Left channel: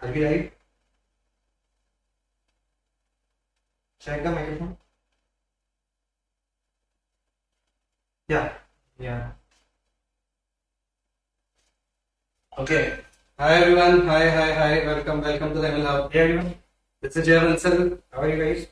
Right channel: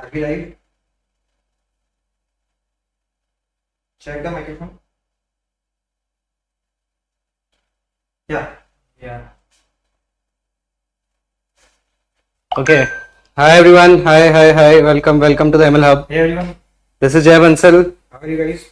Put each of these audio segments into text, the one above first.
I'll be live. Check the microphone. Yeah. Yeah. Okay. Hi everyone. Hi. Welcome to the ML Hub. Hey everyone. This is Bansal. How are you guys?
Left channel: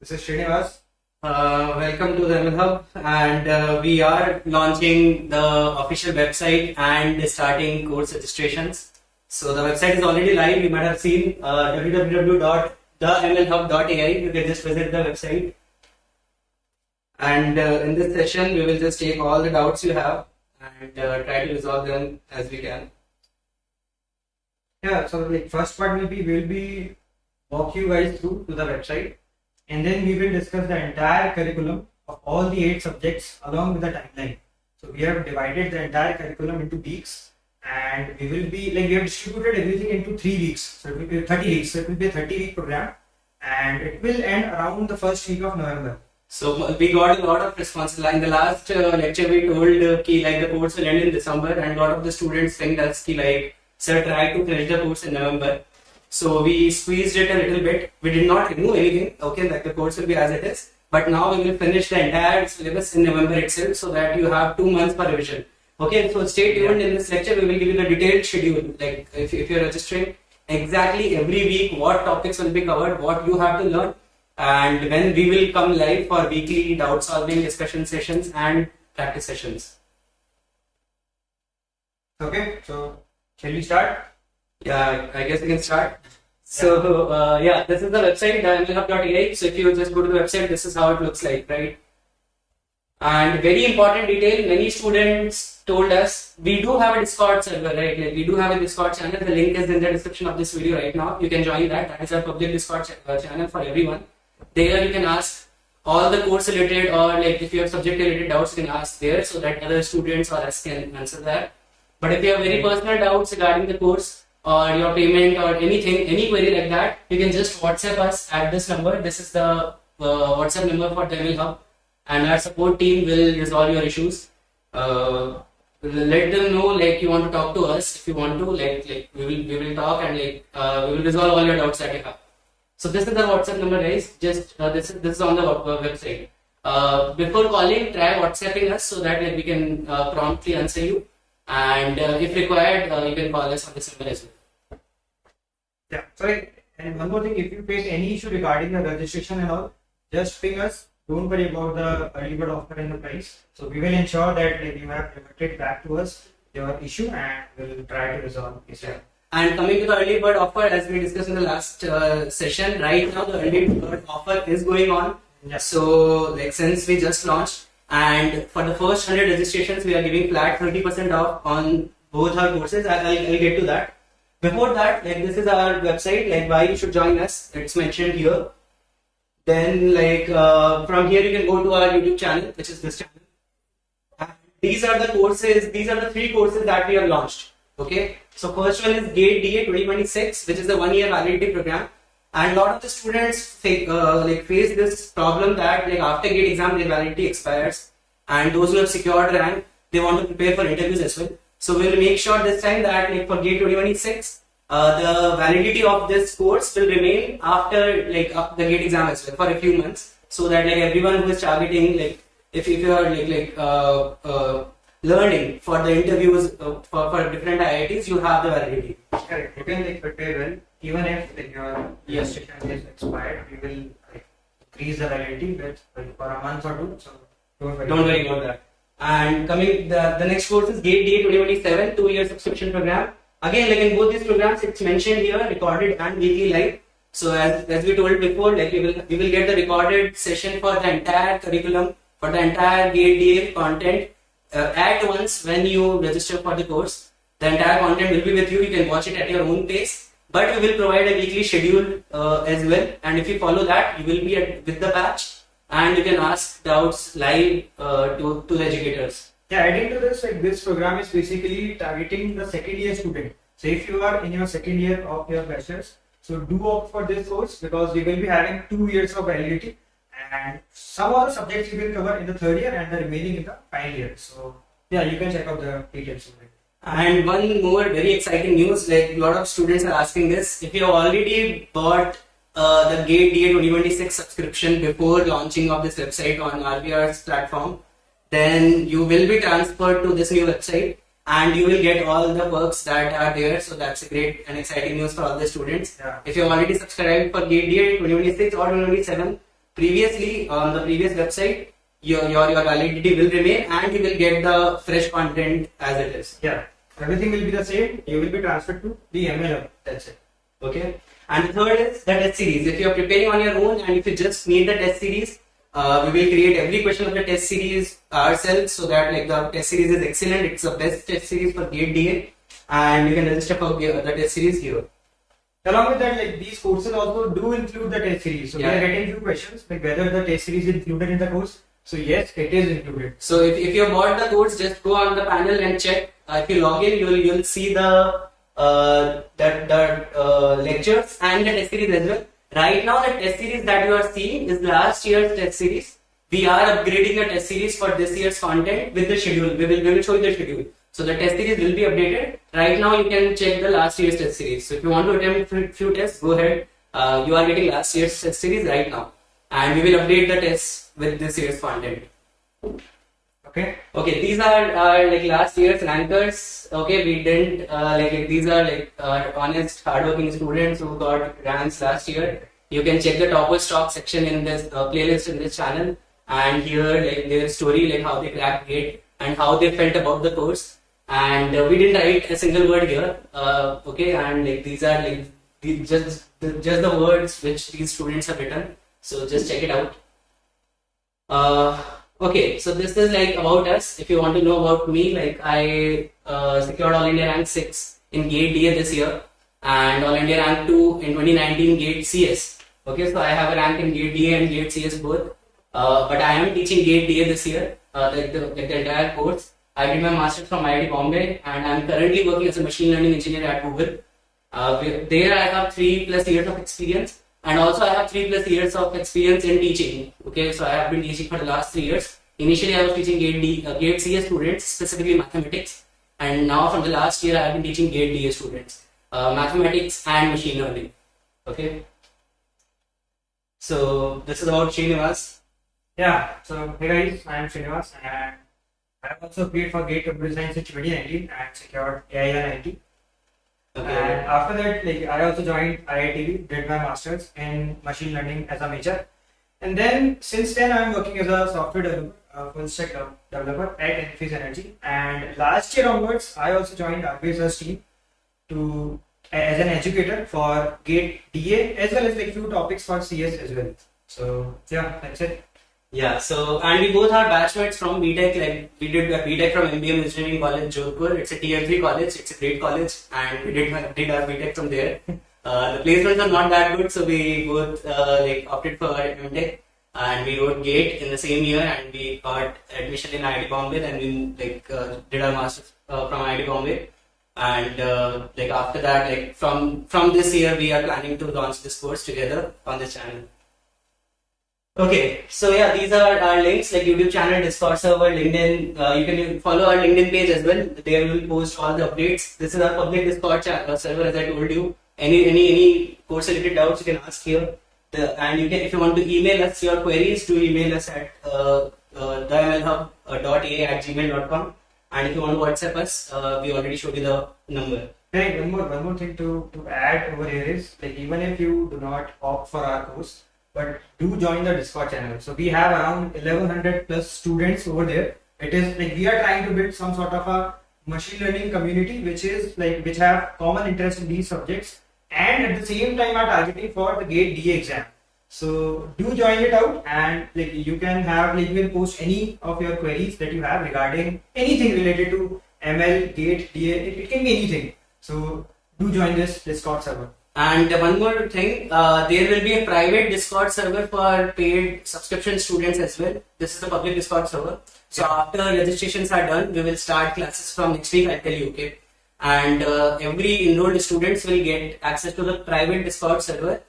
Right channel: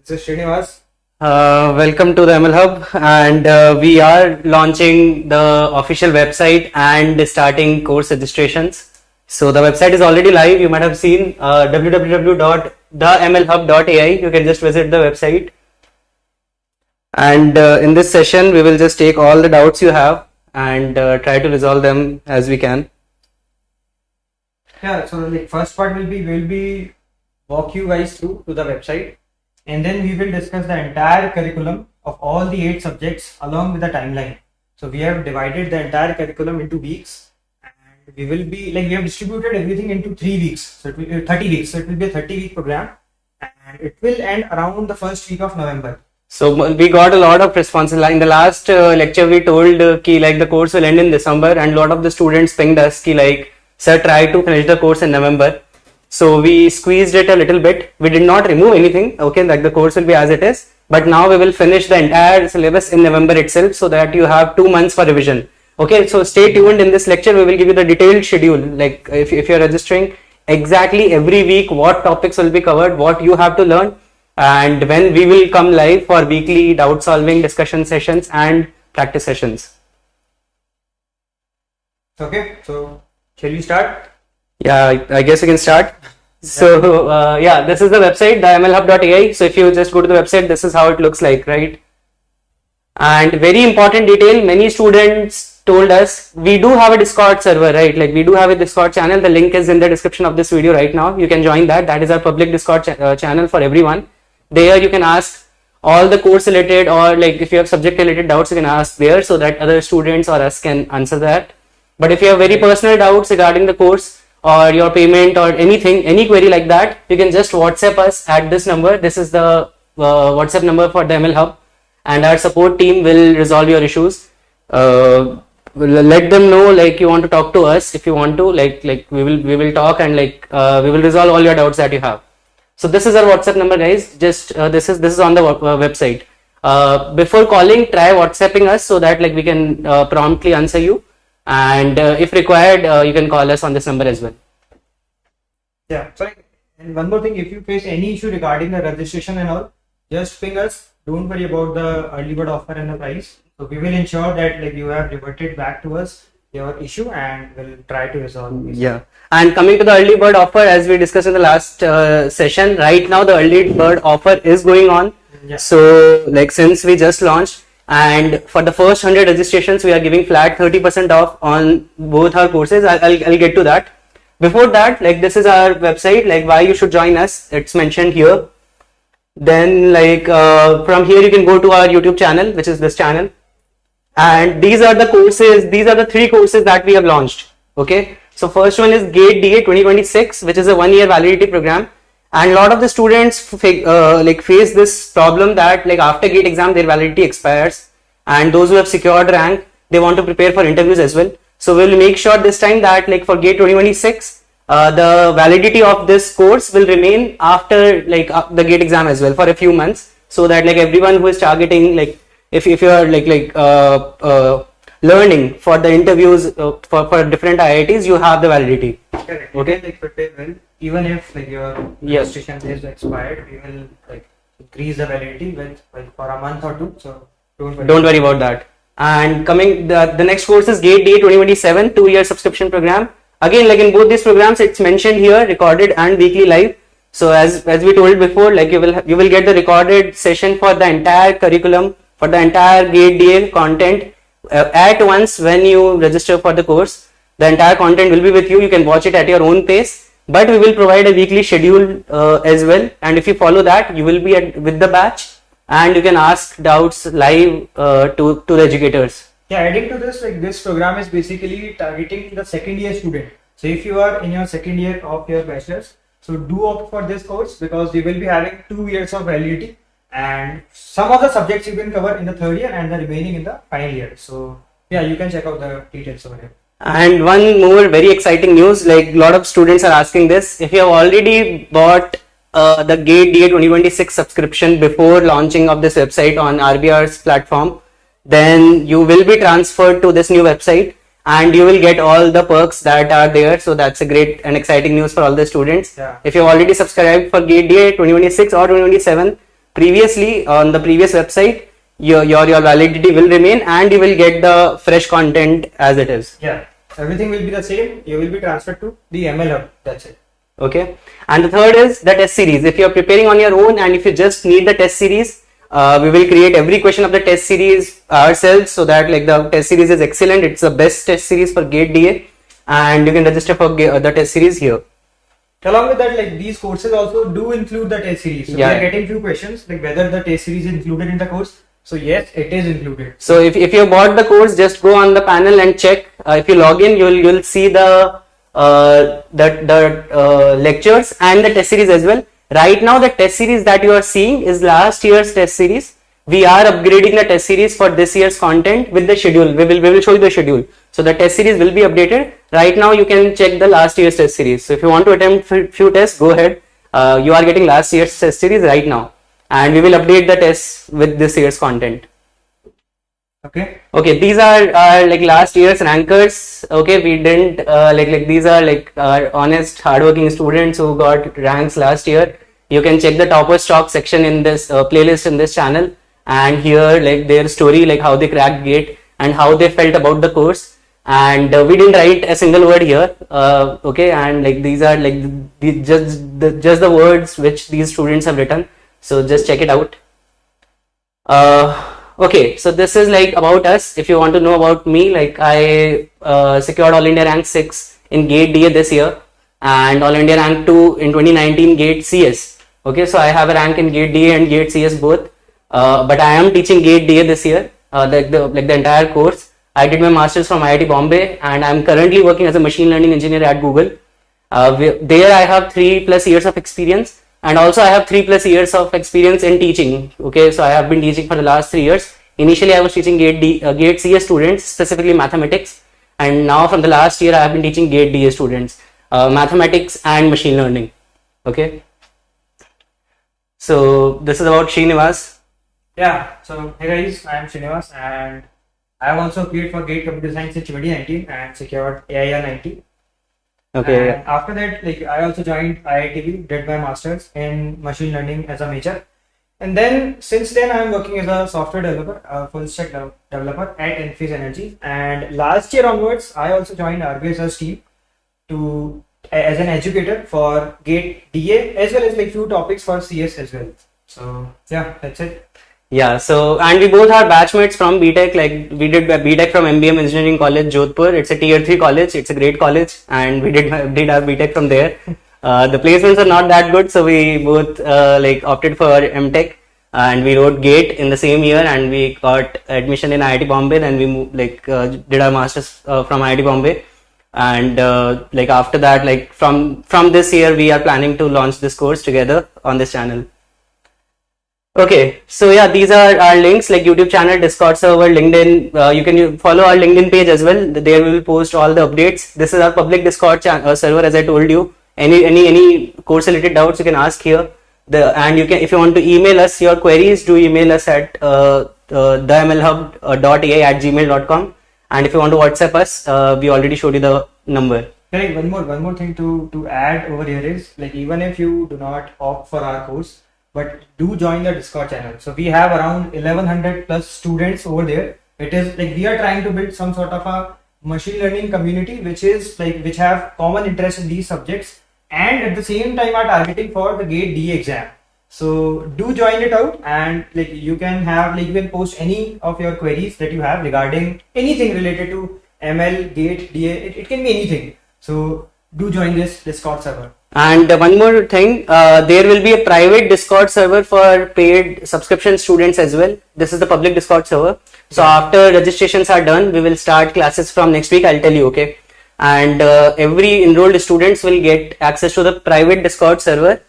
This is Sriniwas. Welcome to the ML Hub, and we are launching the official website and starting course registrations. So the website is already live. You might have seen www.themlhub.ai. You can just visit the website. And in this session, we will just take all the doubts you have and try to resolve them as we can. Yeah, so the first part will be walk you guys through to the website, and then we will discuss the entire curriculum of all the 8 subjects along with the timeline. So we have divided the entire curriculum into weeks, and we have distributed everything into 3 weeks. So it will be 30 weeks. So it will be a 30-week program, and it will end around the first week of November. So we got a lot of responses. In the last lecture, we told the course will end in December, and a lot of the students pinged us sir, try to finish the course in November. So we squeezed it a little bit. We did not remove anything. Okay, the course will be as it is. But now we will finish the entire syllabus in November itself, so that you have 2 months for revision. Okay, so stay tuned. In this lecture, we will give you the detailed schedule. Like if you're registering, exactly every week what topics will be covered, what you have to learn, and when we will come live for weekly doubt solving discussion sessions and practice sessions. Okay, so shall we start? Yeah, I guess we can start. So this is the website, the mlhub.ai. So if you just go to the website, this is how it looks like, right? And very important detail, many students told us we do have a Discord server, right? Like we do have a Discord channel. The link is in the description of this video right now. You can join that. That is our public Discord channel for everyone. There you can ask all the course related, or like if you have subject related doubts, you can ask there, so that other students or us can answer that. But if you have very personal doubts regarding the course or your payment or anything, any query like that, you can just WhatsApp us at this number. This is the WhatsApp number for the ML Hub, and our support team will resolve your issues. We'll let them know like you want to talk to us. If you want to, like we will talk, and we will resolve all your doubts that you have. So this is our WhatsApp number, guys. Just this is on the website. Before calling, try WhatsApping us, so that we can promptly answer you. And if required, you can call us on this number as well. Yeah, sorry. And one more thing, if you face any issue regarding the registration and all, just ping us. Don't worry about the early bird offer and the price. So we will ensure that you have reverted back to us your issue, and we'll try to resolve this. Yeah. And coming to the early bird offer, as we discussed in the last session, right now the early bird offer is going on. Yeah. So since we just launched, and for the first 100 registrations, we are giving flat 30% off on both our courses. I'll get to that. Before that, this is our website, why you should join us. It's mentioned here. Then from here you can go to our YouTube channel, which is this channel. And these are the courses, these are the 3 courses that we have launched. Okay. So first one is GATE DA 2026, which is a 1-year validity program. And a lot of the students face this problem that after GATE exam their validity expires, and those who have secured rank, they want to prepare for interviews as well. So we'll make sure this time that for GATE 2026, the validity of this course will remain after the GATE exam as well for a few months, so that everyone who is targeting if you are learning for the interviews for different IITs, you have the validity. Correct. Okay. You can prepare well. Even if your registration is expired, we will increase the validity with for a month or 2. So don't worry about that. And coming the next course is GATE DA 2027, 2-year subscription program. Again, in both these programs, it's mentioned here, recorded and weekly live. So as we told before, you will get the recorded session for the entire curriculum, for the entire GATE DA content at once when you register for the course. The entire content will be with you. You can watch it at your own pace. But we will provide a weekly schedule as well, and if you follow that, you will be with the batch, and you can ask doubts live to the educators. Yeah, adding to this, this program is basically targeting the 2nd year student. So if you are in your 2nd year of your bachelor's, so do opt for this course, because we will be having 2 years of validity, and some of the subjects you can cover in the 3rd year and the remaining in the final year. So yeah, you can check out the details over here. And one more very exciting news, like a lot of students are asking this. If you have already bought the GATE DA 2026 subscription before launching of this website on RBR's platform, then you will be transferred to this new website and you will get all the perks that are there. So that's a great and exciting news for all the students. Yeah. If you've already subscribed for GATE DA 2026 or 2027 previously on the previous website, your validity will remain and you will get the fresh content as it is. Yeah, everything will be the same. You will be transferred to the ML Hub. That's it. Okay. And the third is the test series. If you are preparing on your own and if you just need the test series, we will create every question of the test series ourselves, so that like the test series is excellent. It's the best test series for GATE DA, and you can register for the test series here. Along with that, like these courses also do include the test series. So we are getting few questions like whether the test series is included in the course. So yes, it is included. So if you bought the course, just go on the panel and check. If you log in, you'll see the lectures and the test series as well. Right now, the test series that you are seeing is last year's test series. We are upgrading the test series for this year's content with the schedule. We will show you the schedule. So the test series will be updated. Right now, you can check the last year's test series. So if you want to attempt few tests, go ahead. You are getting last year's test series right now, and we will update the tests with this year's content. Okay. Okay, these are like last year's rankers. Okay, we didn't like these are like our honest, hardworking students who got ranks last year. You can check the topper stock section in this playlist in this channel, and here like their story, like how they cracked GATE and how they felt about the course. And we didn't write a single word here. Okay, and like these are like just the words which these students have written. So just check it out. Okay, so this is like about us. If you want to know about me, like I secured All India Rank 6 in GATE DA this year and All India Rank 2 in 2019 GATE CS. Okay, so I have a rank in GATE DA and GATE CS both. But I am teaching GATE DA this year, like the entire course. I did my masters from IIT Bombay and I'm currently working as a machine learning engineer at Google. There I have 3+ years of experience. And also I have 3+ years of experience in teaching. Okay, so I have been teaching for the last 3 years. Initially I was teaching GATE CS students, specifically mathematics. And now from the last year I have been teaching GATE DA students, mathematics and machine learning. Okay. So this is about Sriniwas. Yeah, so hey guys, I am Sriniwas and I have also appeared for GATE Computer Science in 2019 and secured AIR 90. Okay. And after that, like I also joined IITB, did my masters in machine learning as a major, and then since then I am working as a software developer, full stack developer at Enphase Energy. And last year onwards, I also joined RBS's team as an educator for GATE DA as well as like few topics for CS as well. So yeah, that's it. Yeah, so and we both are batchmates from BTech. Like we did BTech from MBM Engineering College, Jodhpur. It's a tier 3 college. It's a great college, and we did our BTech from there. The placements are not that good, so we both like opted for MTech, and we wrote GATE in the same year, and we got admission in IIT Bombay. Then we moved, did our masters from IIT Bombay, and like after that, like from this year, we are planning to launch this course together on this channel. Okay, so yeah, these are our links like YouTube channel, Discord server, LinkedIn. You can follow our LinkedIn page as well. There we will post all the updates. This is our public Discord server, as I told you. Any course related doubts you can ask here. And you can, if you want to email us your queries, do email us at themlhub.ai@gmail.com. And if you want to WhatsApp us, we already showed you the number. Hey, one more thing to add over here is like even if you do not opt for our course, but do join the Discord channel. So we have around 1100 plus students over there. It is like we are trying to build some sort of a machine learning community which have common interest in these subjects and at the same time are targeting for the GATE DA exam. So do join it out, and like you can post any of your queries that you have regarding anything related to ML, GATE, DA. It can be anything. So do join this Discord server. And one more thing, there will be a private Discord server for paid subscription students as well. This is the public Discord server. So after registrations are done, we will start classes from next week. I'll tell you, okay? And every enrolled students will get access to the private Discord server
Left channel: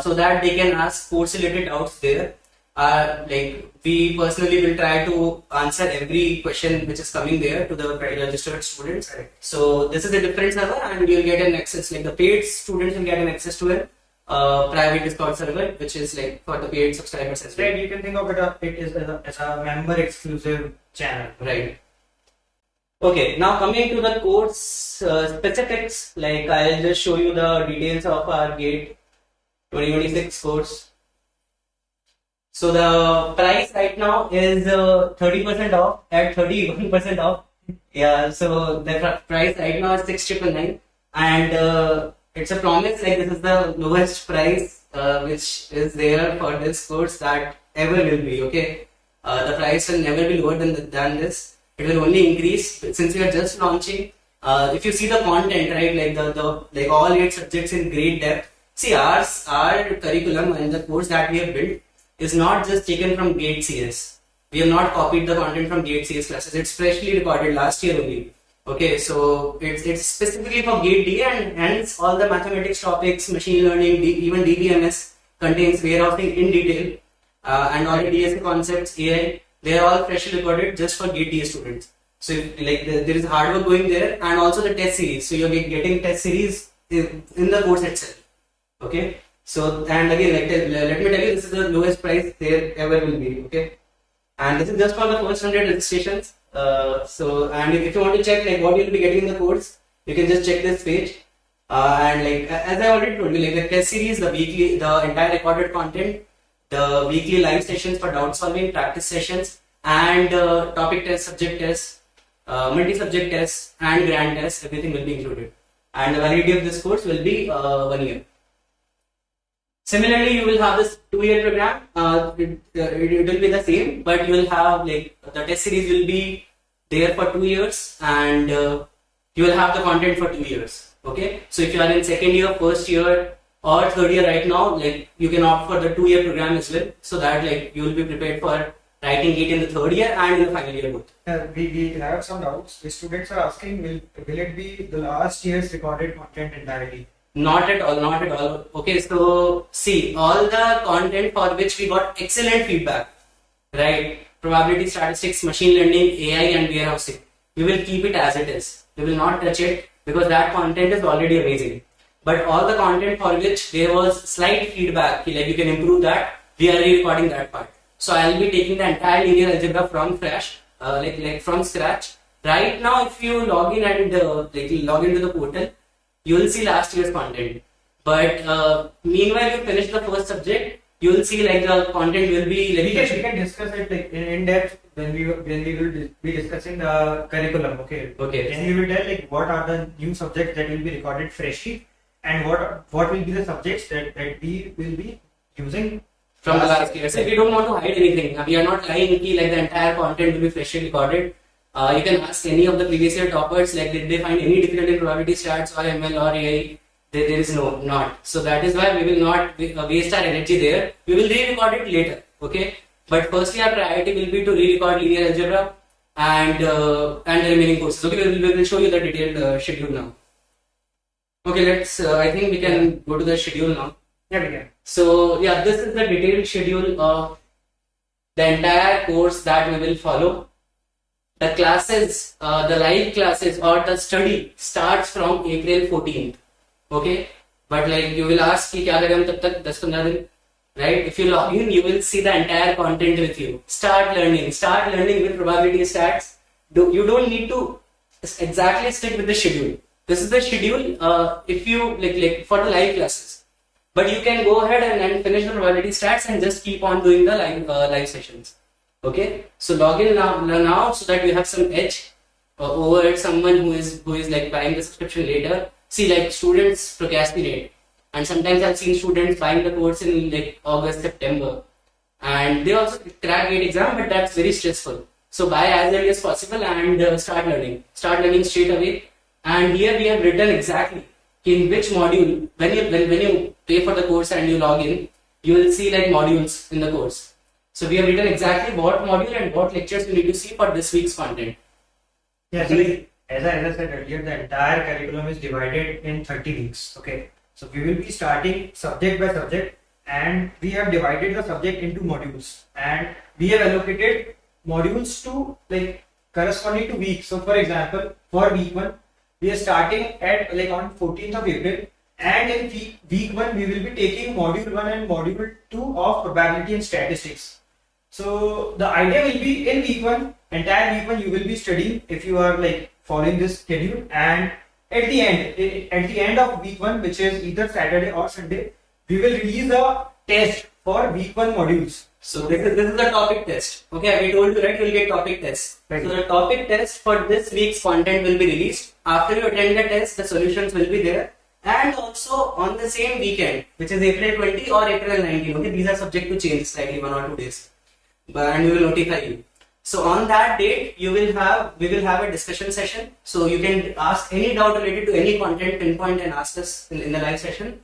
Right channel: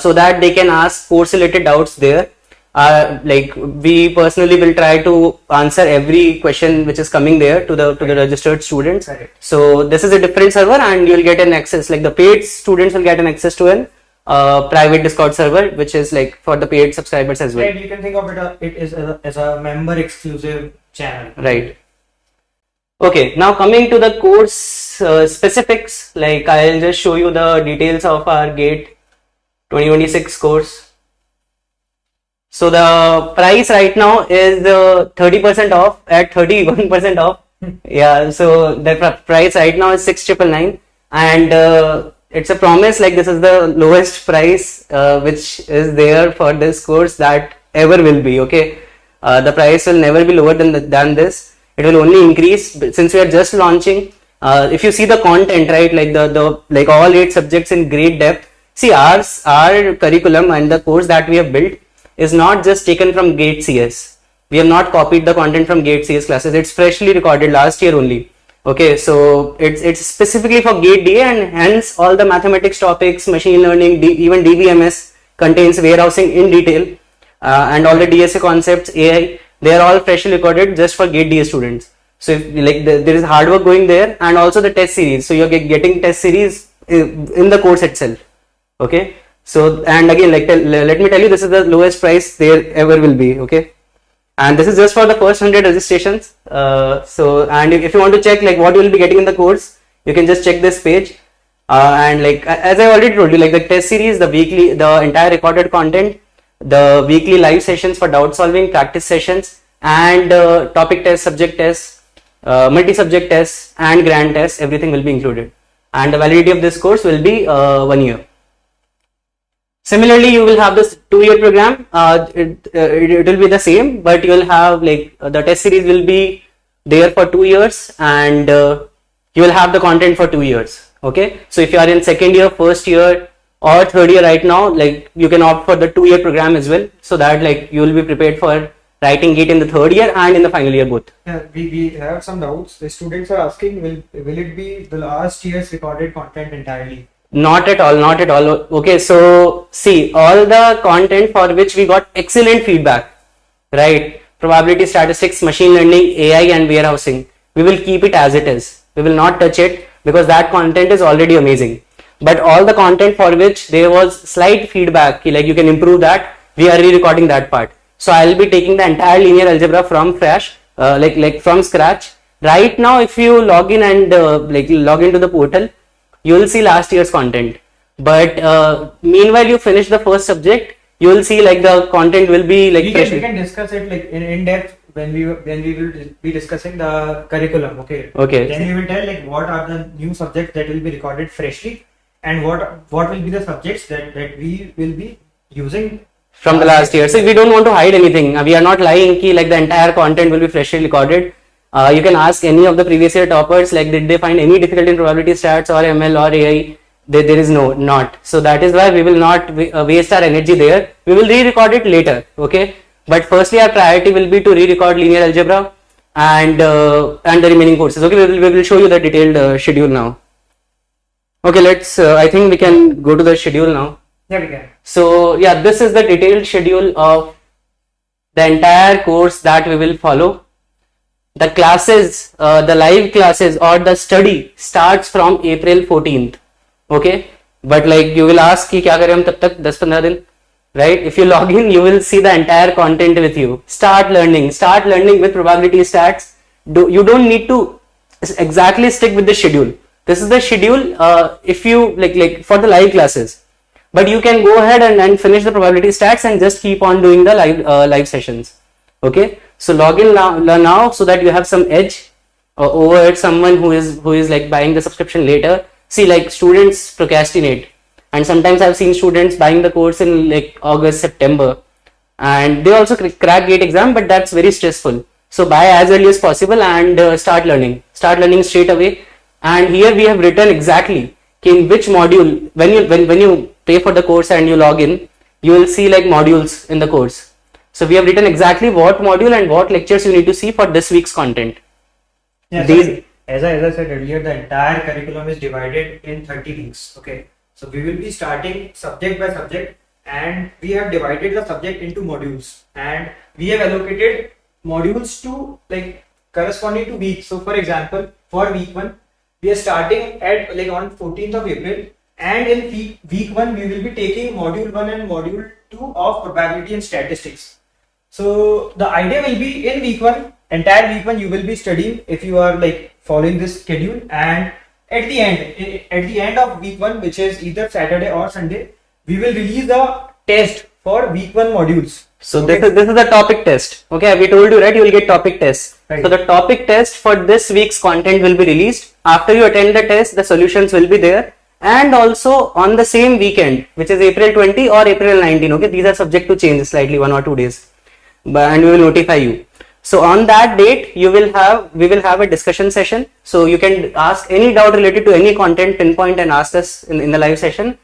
so that they can ask course related doubts there. like we personally will try to answer every question which is coming there to the registered students. Correct. So this is a different server, and you'll get an access, like the paid students will get an access to an private Discord server, which is like for the paid subscribers as well. Right, you can think of it as a member exclusive channel. Right. Okay, now coming to the course specifics, like I'll just show you the details of our GATE 2026 course. So the price right now is 30% off at 31% off. Yeah, so the price right now is 6,999, and it's a promise, like this is the lowest price which is there for this course that ever will be. Okay, the price will never be lower than this. It will only increase since we are just launching. If you see the content, right, like the like all 8 subjects in great depth. See, our curriculum and the course that we have built is not just taken from GATE CS. We have not copied the content from GATE CS classes. It's freshly recorded last year only. Okay, so it's specifically for GATE DA, and hence all the mathematics topics, machine learning, even DBMS contains warehousing in detail, and all the DSA concepts, AI, they are all freshly recorded just for GATE DA students. So if, like there is hard work going there, and also the test series. So you're getting test series in the course itself. Okay. So, and again, like let me tell you, this is the lowest price there ever will be. Okay, and this is just for the first 100 registrations. So, and if you want to check like what you will be getting in the course, you can just check this page. And like as I already told you, like the test series, the weekly, the entire recorded content, the weekly live sessions for doubt solving, practice sessions, and topic tests, subject tests, multi-subject tests, and grand tests, everything will be included. And the validity of this course will be 1 year. Similarly, you will have this 2-year program. It will be the same, but you will have like the test series will be there for 2 years, and you will have the content for 2 years. Okay, so if you are in second year, first year, or third year right now, like you can opt for the 2-year program as well, so that like you will be prepared for writing GATE in the third year and in the final year both. We have some doubts. The students are asking, will it be the last year's recorded content entirely? Not at all, not at all. Okay, so see, all the content for which we got excellent feedback, right? Probability statistics, machine learning, AI, and warehousing, we will keep it as it is. We will not touch it because that content is already amazing. But all the content for which there was slight feedback, like you can improve that, we are re-recording that part. So I'll be taking the entire linear algebra from fresh, like from scratch. Right now, if you log in and like log into the portal, you will see last year's content, but meanwhile you finish the first subject, you will see like the content will be like we can discuss it like in depth when we will be discussing the curriculum. Okay, then we will tell like what are the new subjects that will be recorded freshly, and what will be the subjects that we will be using from the last year. So we don't want to hide anything. We are not lying ki like the entire content will be freshly recorded. You can ask any of the previous year toppers, like did they find any difficulty in probability stats or ML or AI? There is not. So that is why we will not waste our energy there. We will re-record it later. Okay. But firstly, our priority will be to re-record linear algebra and the remaining courses. Okay. We will show you the detailed schedule now. Okay. Let's. I think we can go to the schedule now. Yeah, we can. So yeah, this is the detailed schedule of the entire course that we will follow. The classes, the live classes or the study starts from April 14th. Okay, but like you will ask कि क्या करें हम तब तक 10-15 दिन, right? If you log in, you will see the entire content with you. Start learning with probability stats. You don't need to exactly stick with the schedule. This is the schedule if you like for the live classes, but you can go ahead and finish the probability stats and just keep on doing the live sessions. Okay, so log in now so that you have some edge over someone who is like buying the subscription later. See, like students procrastinate, and sometimes I've seen students buying the course in like August, September, and they also crack GATE exam, but that's very stressful. So buy as early as possible and start learning straight away. And here we have written exactly in which module, when you pay for the course and you log in, you will see like modules in the course. So we have written exactly what module and what lectures you need to see for this week's content. Yeah, so as I said earlier, the entire curriculum is divided in 30 weeks. Okay, so we will be starting subject by subject. and we have divided the subject into modules, and we have allocated modules to like corresponding to weeks. So for example, for week 1 we are starting at like on 14th of April, and in week 1 we will be taking module 1 and module 2 of probability and statistics. So the idea will be in week 1, entire week 1 you will be studying if you are like following this schedule, and at the end of week 1, which is either Saturday or Sunday, we will release a test for week 1 modules. So this is the topic test. Okay, we told you, right? You will get topic test. Right. So the topic test for this week's content will be released. After you attend the test, the solutions will be there, and also on the same weekend, which is April 20 or April 19. Okay, these are subject to change slightly 1 or 2 days, and we will notify you. So on that date, we will have a discussion session. So you can ask any doubt related to any content, pinpoint and ask us in the live session.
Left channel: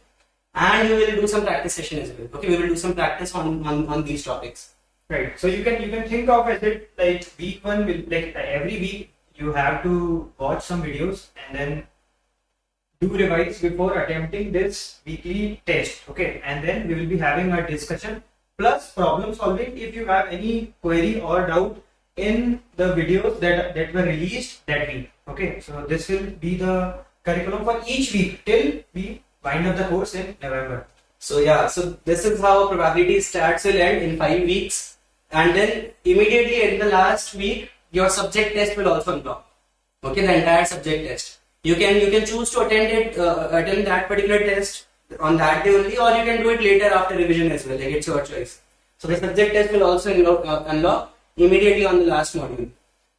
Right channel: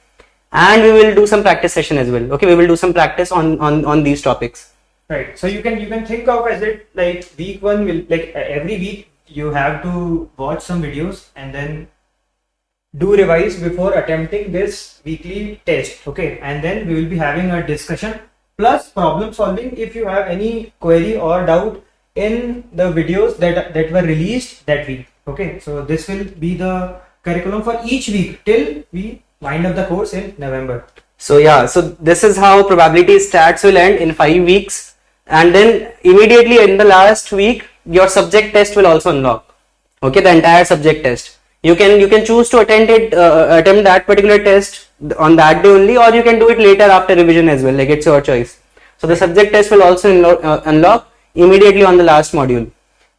And we will do some practice session as well. Okay, we will do some practice on these topics. Right. So you can think of as it like week 1 will like every week you have to watch some videos and then do revise before attempting this weekly test. Okay, and then we will be having a discussion plus problem solving if you have any query or doubt in the videos that were released that week. Okay, so this will be the curriculum for each week till we wind up the course in November. So yeah, so this is how probability stats will end in 5 weeks, and then immediately in the last week your subject test will also unlock. Okay, the entire subject test. You can choose to attempt that particular test on that day only, or you can do it later after revision as well. Like, it's your choice. So the subject test will also unlock immediately on the last module.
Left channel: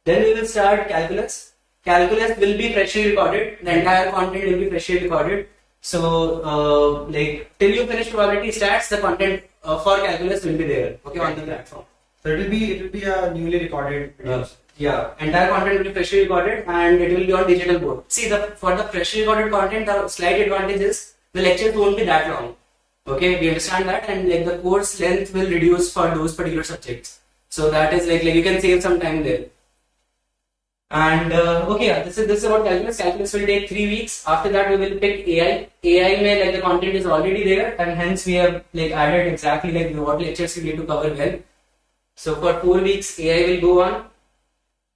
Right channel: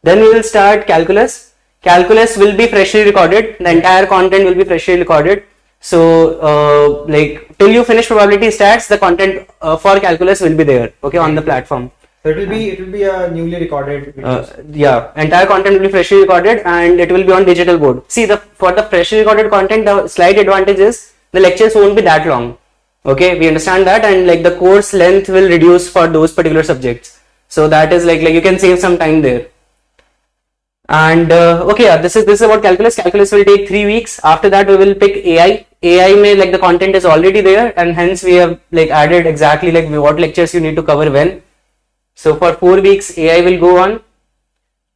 Then we will start calculus. Calculus will be freshly recorded. The entire content will be freshly recorded. So like till you finish probability stats, the content for calculus will be there. Okay, on the platform. So it will be a newly recorded videos. Yeah, entire content will be freshly recorded and it will be on digital board. See, for the freshly recorded content, the slight advantage is the lectures won't be that long. Okay, we understand that, and like the course length will reduce for those particular subjects. So that is like you can save some time there. And okay, yeah, this is about calculus. Calculus will take 3 weeks. After that, we will pick AI. AI may like the content is already there, and hence we have like added exactly like what lectures you need to cover when. So for 4 weeks, AI will go on.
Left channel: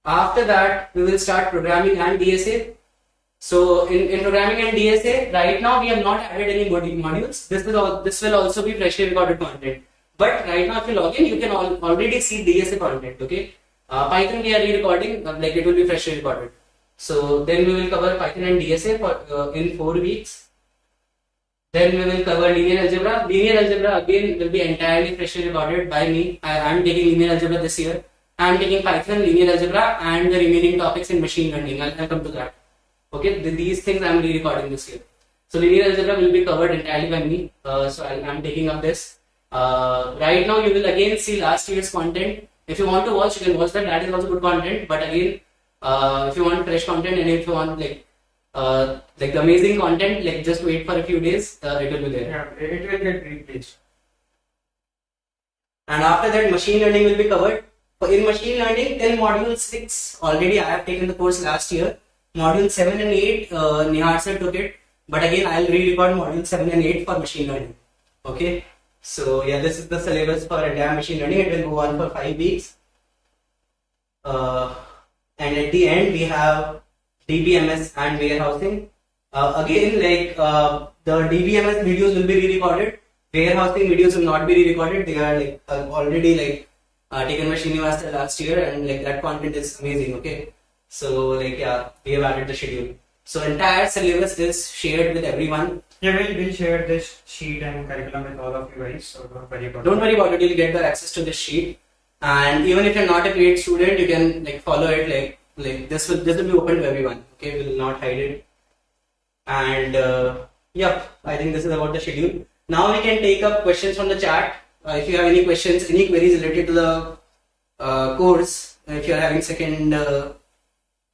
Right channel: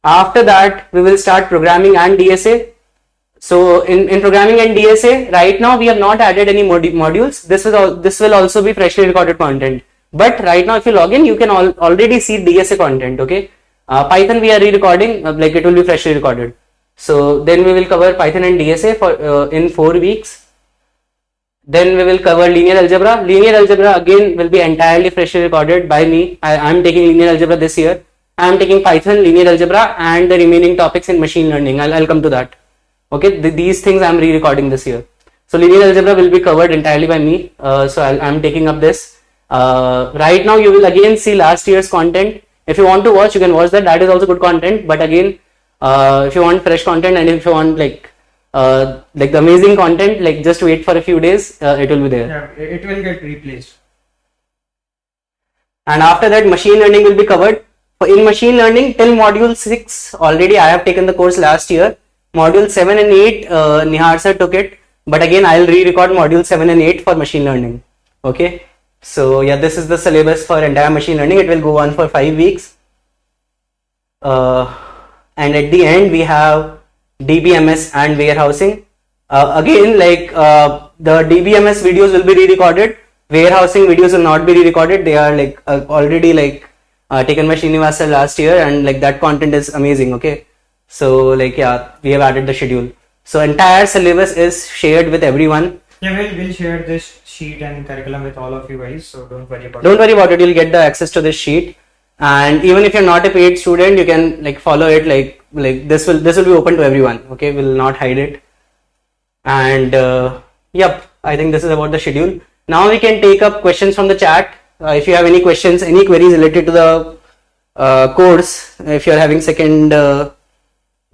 After that, we will start programming and DSA. So in programming and DSA, right now we have not added any modules. This will also be freshly recorded content. But right now, if you log in, you can already see DSA content. Okay. Python we are re-recording, like it will be freshly recorded. So then we will cover Python and DSA for in 4 weeks. Then we will cover linear algebra. Linear algebra again will be entirely freshly recorded by me. I am taking linear algebra this year. I am taking Python, linear algebra, and the remaining topics in machine learning. I'll come to that. Okay, these things I am re-recording this year. So linear algebra will be covered entirely by me. So I'm taking up this. Right now you will again see last year's content. If you want to watch, you can watch that. That is also good content. But again, if you want fresh content and if you want like the amazing content, like just wait for a few days, it will be there. Yeah, it will get replaced. And after that, machine learning will be covered. In machine learning, till module 6, already I have taken the course last year. Module 7 and 8, Nihar sir took it. But again, I'll re-record module 7 and 8 for machine learning. Okay. So yeah, this is the syllabus for entire machine learning. It will go on for 5 weeks. And at the end, we have DBMS and warehousing. Again, like the DBMS videos will be re-recorded. Warehousing videos will not be re-recorded. They are like already like taken by Sriniwas last year, and like that content is amazing. Okay, so like yeah, we have added the schedule. So entire syllabus is shared with everyone. Yeah, we'll share this sheet and curriculum with all of you guys. So don't worry about it. Don't worry about it. You'll get the access to this sheet. And even if you're not a paid student, you can like follow it. Like this will be open to everyone. Okay, we'll not hide it. And yep, I think this is about the schedule. Now we can take up questions from the chat. If you have any questions, any queries related to the course, if you're having second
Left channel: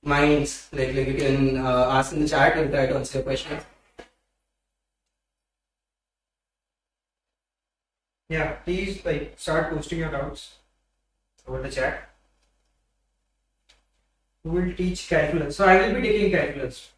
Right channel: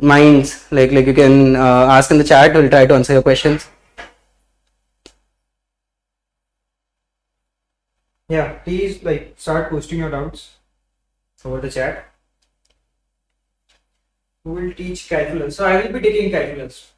minds, like you can ask in the chat. We'll try to answer your questions. Yeah, please like start posting your doubts over the chat. Who will teach calculus? So I will be taking calculus.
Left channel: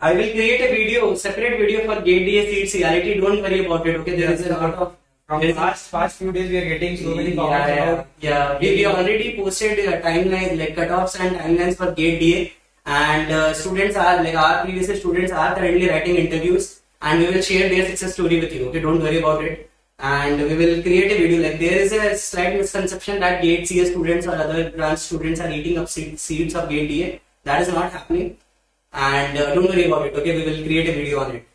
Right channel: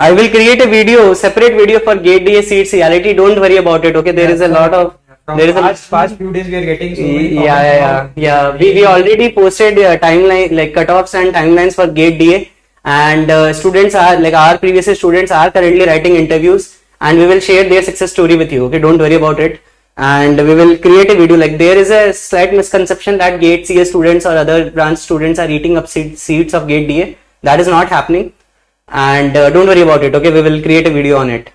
I will create a video, separate video for Gate DA seats reality. Don't worry about it. Okay, there is a lot of From there is a past few days we are getting so many comments yeah. about We already posted timeline like cutoffs and timelines for Gate DA, and students are like our previous year students are currently writing interviews, and we will share their success story with you. Okay, don't worry about it. And we will create a video. Like there is a slight misconception that Gate CS students or other branch students are eating up seats of Gate DA. That is not happening, and don't worry about it. Okay, we will create a video on it.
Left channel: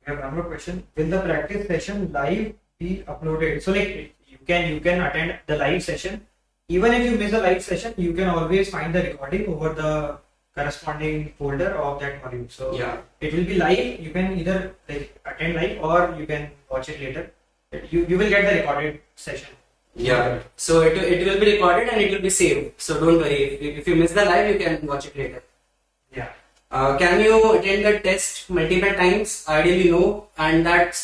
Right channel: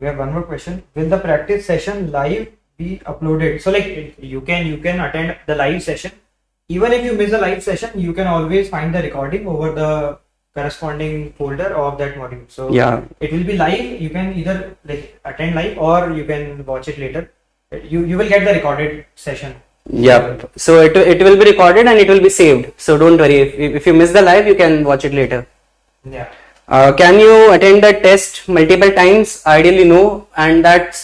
We have one more question. Will the practice session live be uploaded? So like you can attend the live session. Even if you miss the live session, you can always find the recording over the corresponding folder of that module. So Yeah. it will be live. You can either like attend live or you can watch it later. You will get the recorded session. Yeah. So it will be recorded and it will be saved. So don't worry. If you miss the live, you can watch it later. Yeah. Can you attend the test multiple times? Ideally, no. And that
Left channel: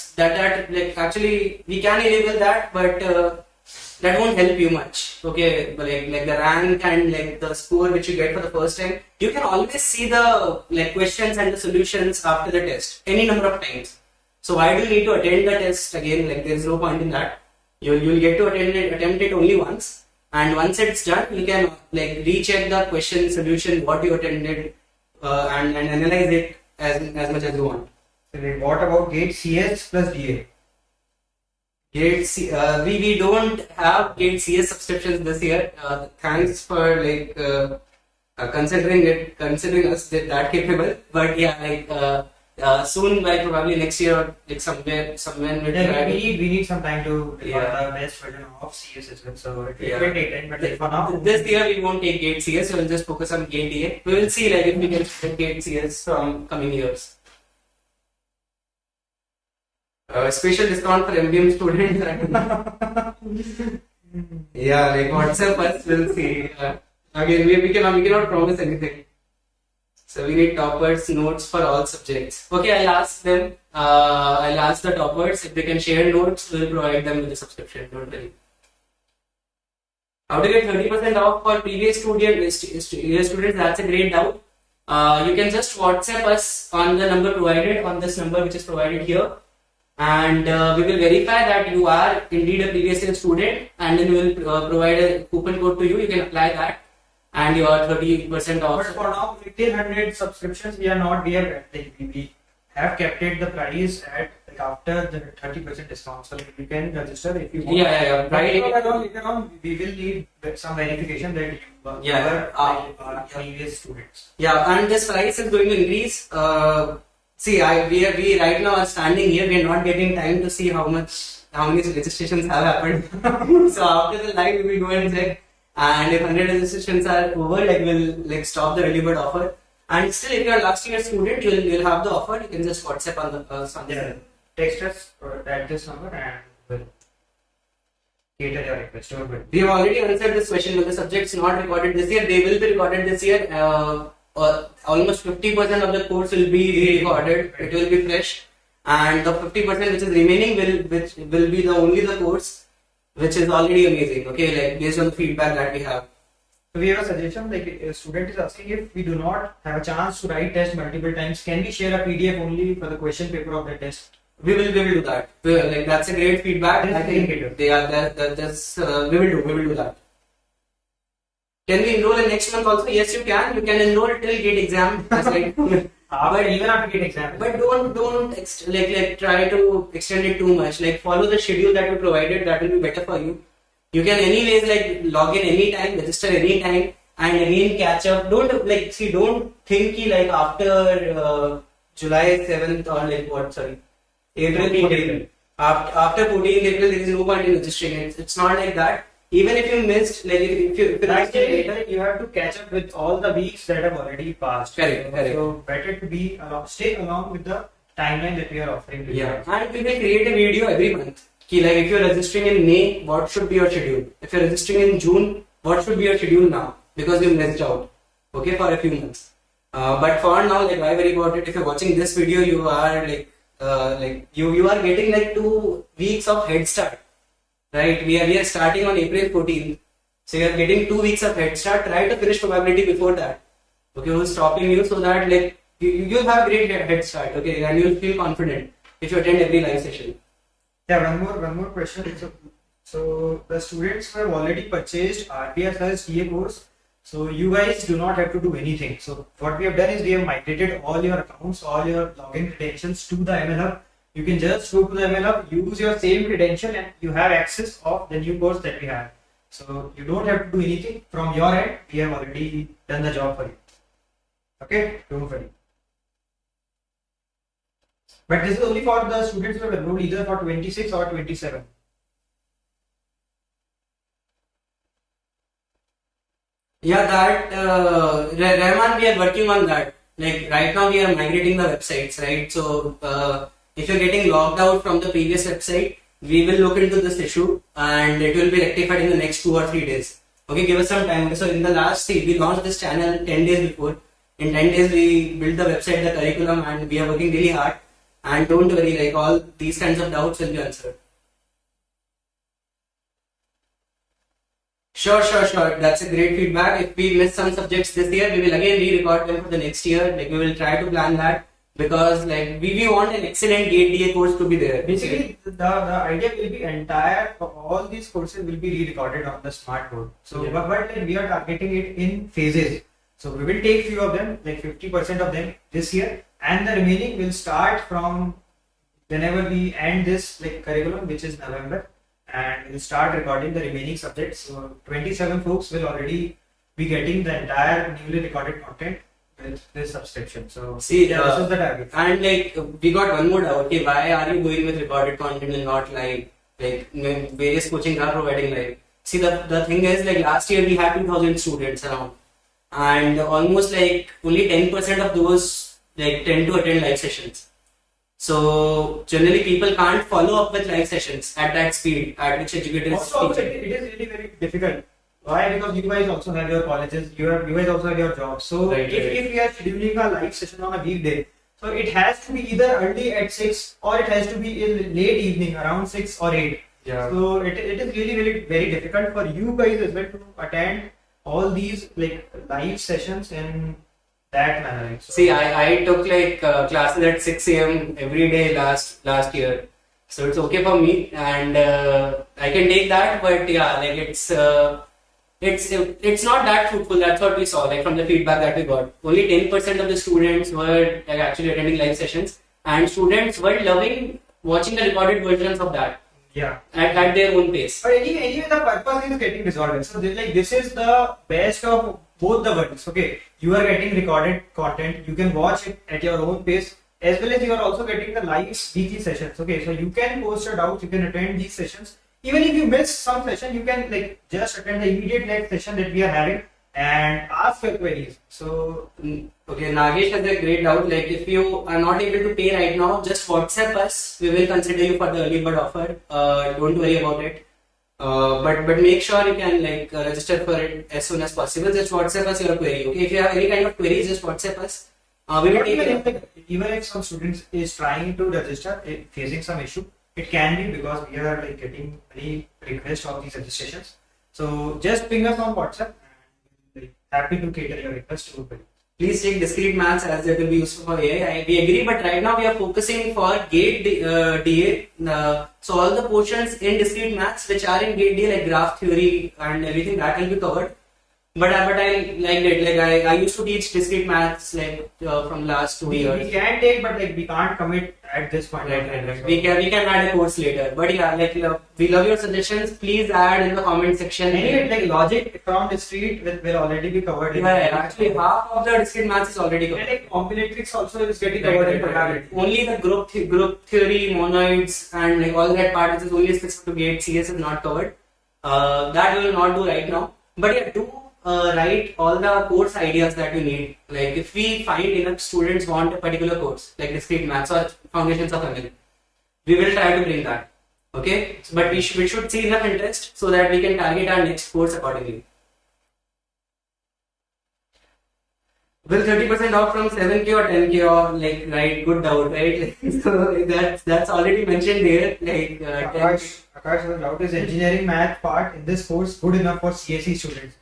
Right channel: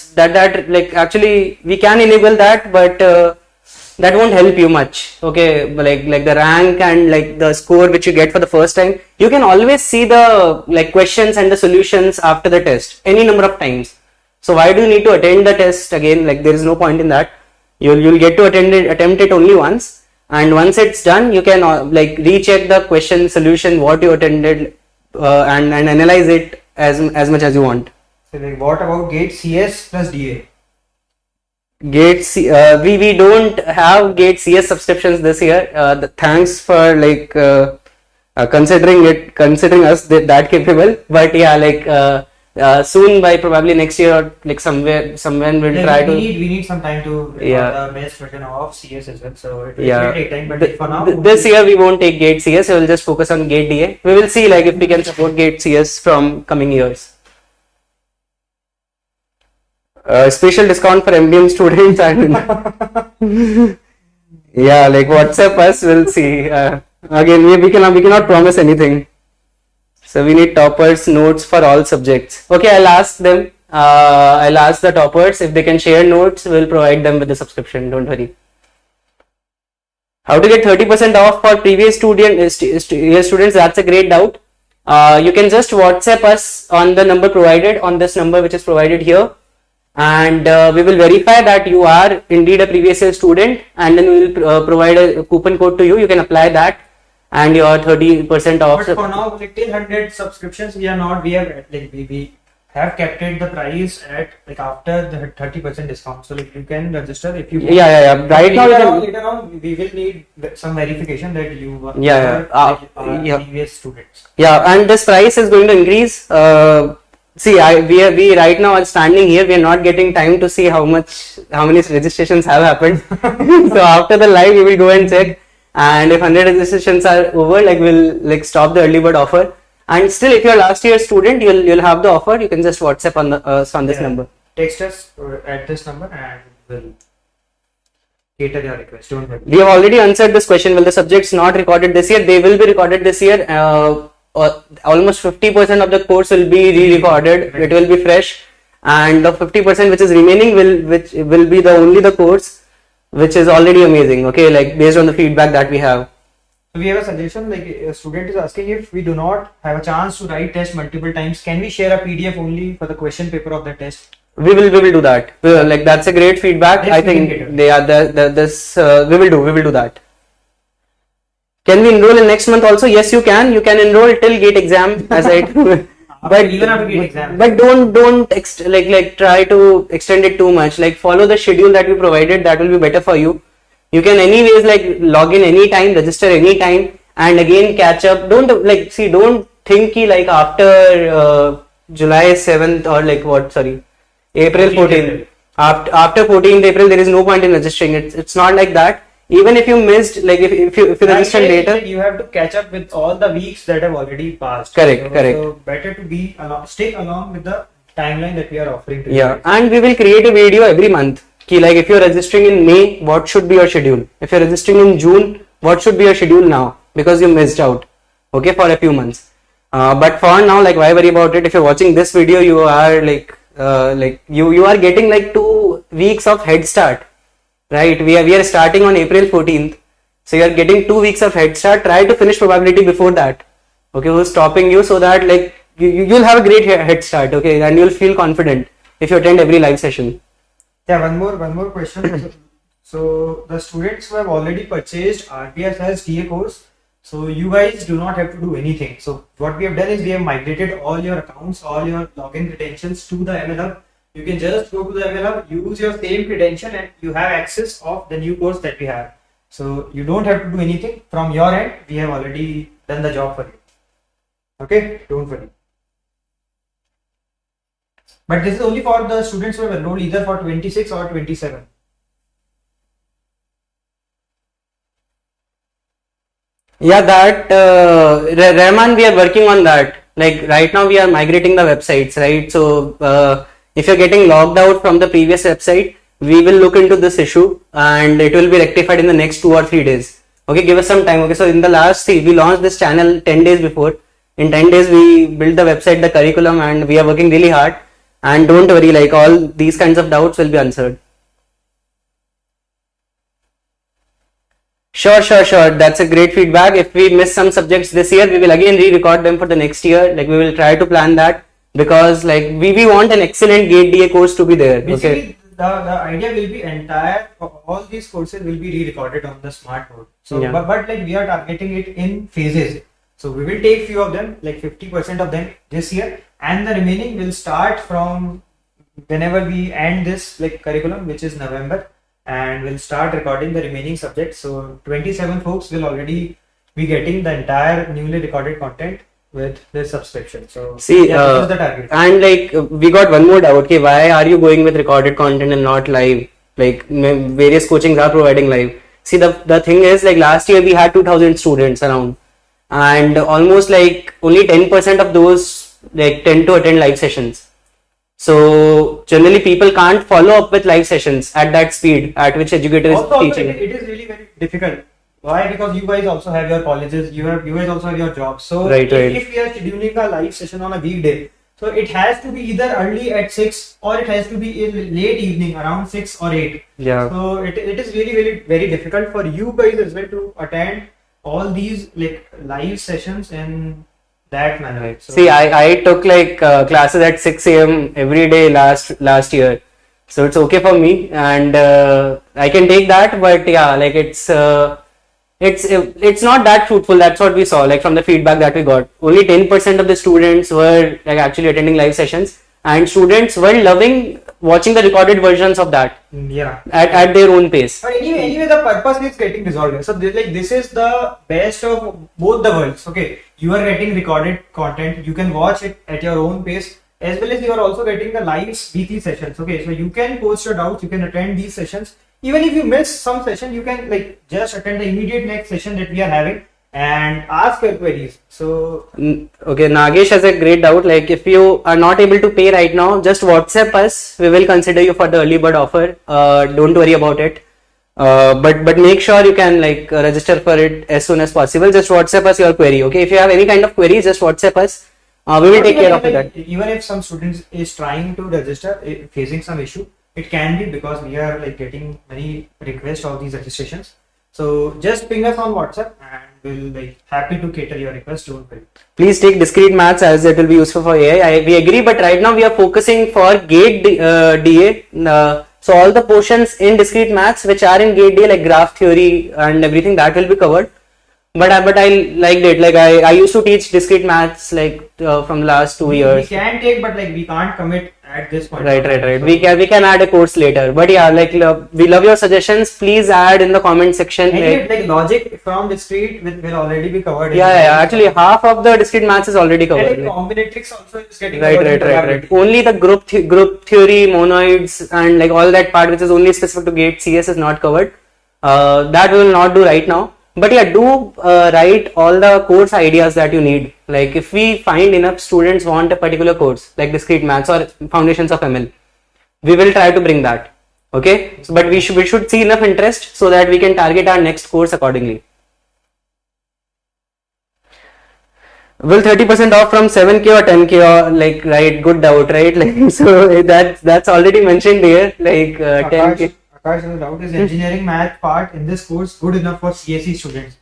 like actually we can enable that, but that won't help you much. Okay, like the rank and like the score which you get for the first time, you can always see the like questions and the solutions after the test any number of times. So why do you need to attend the test again? Like there is no point in that. You'll get to attempt it only once, and once it's done, you can like recheck the question solution what you attended. And analyze it as much as you want. So like what about Gate CS plus DA? Gate we don't have Gate CS subscriptions this year. Thanks for like considering us that capable. But yeah, like soon by probably next year or like somewhere we'll Yeah, try we to. need some time to record Yeah. the best version of CS as well. So it Yeah. will take time, but for now This year we won't take Gate CS. We will just focus on Gate DA. We will see like if we can support Gate CS from coming years. Special discount for MDM students and yeah, like WhatsApp us. We'll see. Again, we cannot promise anything. So we need toppers notes for all subjects. Okay, I'll ask them. I'll ask the toppers if they can share notes. We'll provide them with the subscription. Don't worry. How to get 30% off for previous students? That's a great doubt. You can just WhatsApp us on the number provided, on this number which is provided here, and we will verify that you are indeed a previous year student, and then we will provide a coupon code to you. You can apply that, and your 30% off. But for now, like till 100 subscriptions, we have kept it the price at like after the 30% discount. So like you can register if you want. Yeah. Right now, Later on, we will need some verification that you were previous students. Yeah, and this price is going to increase. See, we right now are standing here. We are not getting time to see how many registrations have happened. So after the live, we will go and check. And if 100 registrations are over, like we'll like stop the early bird offer. And still, if you're last year student, you'll have the offer. You can just WhatsApp on this number. Text us at this number and we'll cater your request. Don't worry. We have already answered this question. Will the subjects not recorded this year? They will be recorded this year. Almost 50% of the course will be re-recorded. It will be fresh, and the 50% which is remaining will be the course, which is already amazing. Okay, like based on the feedback that we have. So we have a suggestion, like a student is asking if we do not have a chance to write test multiple times, can we share a PDF only for the question paper of the test? We will do that. Like that's a great feedback. Yes, I think we will do that. Can we enroll in next month also? Yes, you can. You can enroll till GATE exam, as I but even after GATE exam. But don't try to extend it too much. Like follow the schedule that we provided. That will be better for you. You can anyways like log in anytime, register anytime, and again catch up. Don't think like after July 7th or like what? Sorry, April 14th. After 14th April, there is no point in registering. It's not like that. Even if you missed, like if you register later, you have to catch up with all the weeks that have already passed. Correct. So better to stay along with the timeline that we are offering to you. Yeah, and we will create a video every month. Like if you're registering in May, what should be your schedule? If you're registering in June, what should be your schedule now? Because you missed out, okay, for a few months. But for now, like why worry about it? If you're watching this video, you are you are getting like 2 weeks of head start, right? We are starting on April 14th, so you are getting 2 weeks of head start. Try to finish probability before that. Okay, who's stopping you so that like you'll have a great head start, okay, and you'll feel confident if you attend every live session. Yeah, one more question. So the students who have already purchased RPS TA course, so you guys do not have to do anything. So what we have done is we have migrated all your accounts, all your login credentials to the ML Hub. You can just go to the ML Hub, use your same credential, and you have access of the new course that we have. So you don't have to do anything from your end. We have already done the job for you. Okay, don't worry. But this is only for the students who have enrolled either for 26 or 27. Yeah, that Rahman, we are working on that. Like right now, we are migrating the websites, right? So if you're getting logged out from the previous website, we will look into this issue and it will be rectified in the next 2 or 3 days. Okay, give us some time. Okay, so in the last, see, we launched this channel 10 days before. In 10 days, we built the website, the curriculum, and we are working really hard. And don't worry, like all these kinds of doubts will be answered. Sure. That's a great feedback. If we miss some subjects this year, we will again re-record them for the next year. Like we will try to plan that because like we want an excellent GATE DA course to be there. Basically, the idea will be entire all these courses will be re-recorded on the smart board. So, Yeah. but like we are targeting it in phases. So we will take few of them, like 50% of them this year, and the remaining will start from whenever we end this like curriculum, which is November. And we'll start recording the remaining subjects. So 27 folks will already be getting the entire newly recorded content with this subscription. So See, this is the target. And like we got one more doubt. Okay, why are you going with recorded content and not live? Like various coachings are providing live. See, the thing is like last year we had 2,000 students around, and almost like only 10% of those like tend to attend live sessions. So generally people can't follow up with live sessions at that speed at which educator is Also, teaching. it is really very difficult. Why? Because you guys also have your colleges, you guys also have your jobs. So Right. if we are scheduling a live session on a weekday, so it has to be either early at 6 or it has to be in late evening around 6 or 8. Yeah. So it is really very difficult for you guys as well to attend all these like live sessions in that manner. So, See, I took like classes at 6 a.m. every day last year, so it's okay for me, and I can take that. But yeah, like it's not that fruitful. That's what we saw, like from the feedback that we got. Only 10% of the students were like actually attending live sessions, and students were loving watching the recorded versions of that yeah. at their own pace. But anyway, the purpose is getting resolved. So this is the best of both the worlds. Okay, you are getting recorded content. You can watch it at your own pace, as well as you are also getting the live weekly sessions. Okay, so you can post your doubts. You can attend these sessions. Even if you miss some session, you can like just attend the immediate next session that we are having and ask your queries. So Okay, Nagesh has a great doubt. Like, if you are not able to pay right now, just WhatsApp us. We will consider you for the early bird offer. Don't worry about it. But make sure you can like register for it as soon as possible. Just WhatsApp us your query. Okay, if you have any kind of query, just WhatsApp us. We will take care of that. Even if some students is trying to register, facing some issue, it can be because we are like getting many requests of these registrations. So just ping us on WhatsApp and we'll like happy to cater your request. Don't worry. Please take discrete maths as it will be useful for AI. We agree, but right now we are focusing for GATE DA. So all the portions in discrete maths which are in GATE DA, like graph theory and everything, that will be covered. But I liked it. Like I used to teach discrete maths like from the last 2 years. We can take, but like we can't commit at this point. Right. So, We can add a course later. But yeah, like we love your suggestions. Please add in the comment section. like logic from discrete will already be covered. Yeah. Actually, half of the discrete maths is already covered. And like combinatorics also is getting covered. Right. Only the group theory, monoids, and like all that part which is only specific to GATE CS is not covered. That we will not do right now. But yeah, do write all the course ideas that you need. Like if we find enough students want a particular course, like discrete maths or foundations of ML, we will try to bring that. Okay, so, but we should see enough interest so that we can target our next course accordingly. Will 30% off from 7K or 10K or like, right, good doubt, right? Like, so that's already mentioned here, like 10K. Akash, the doubt is engineering math part in this course good enough for CSE students?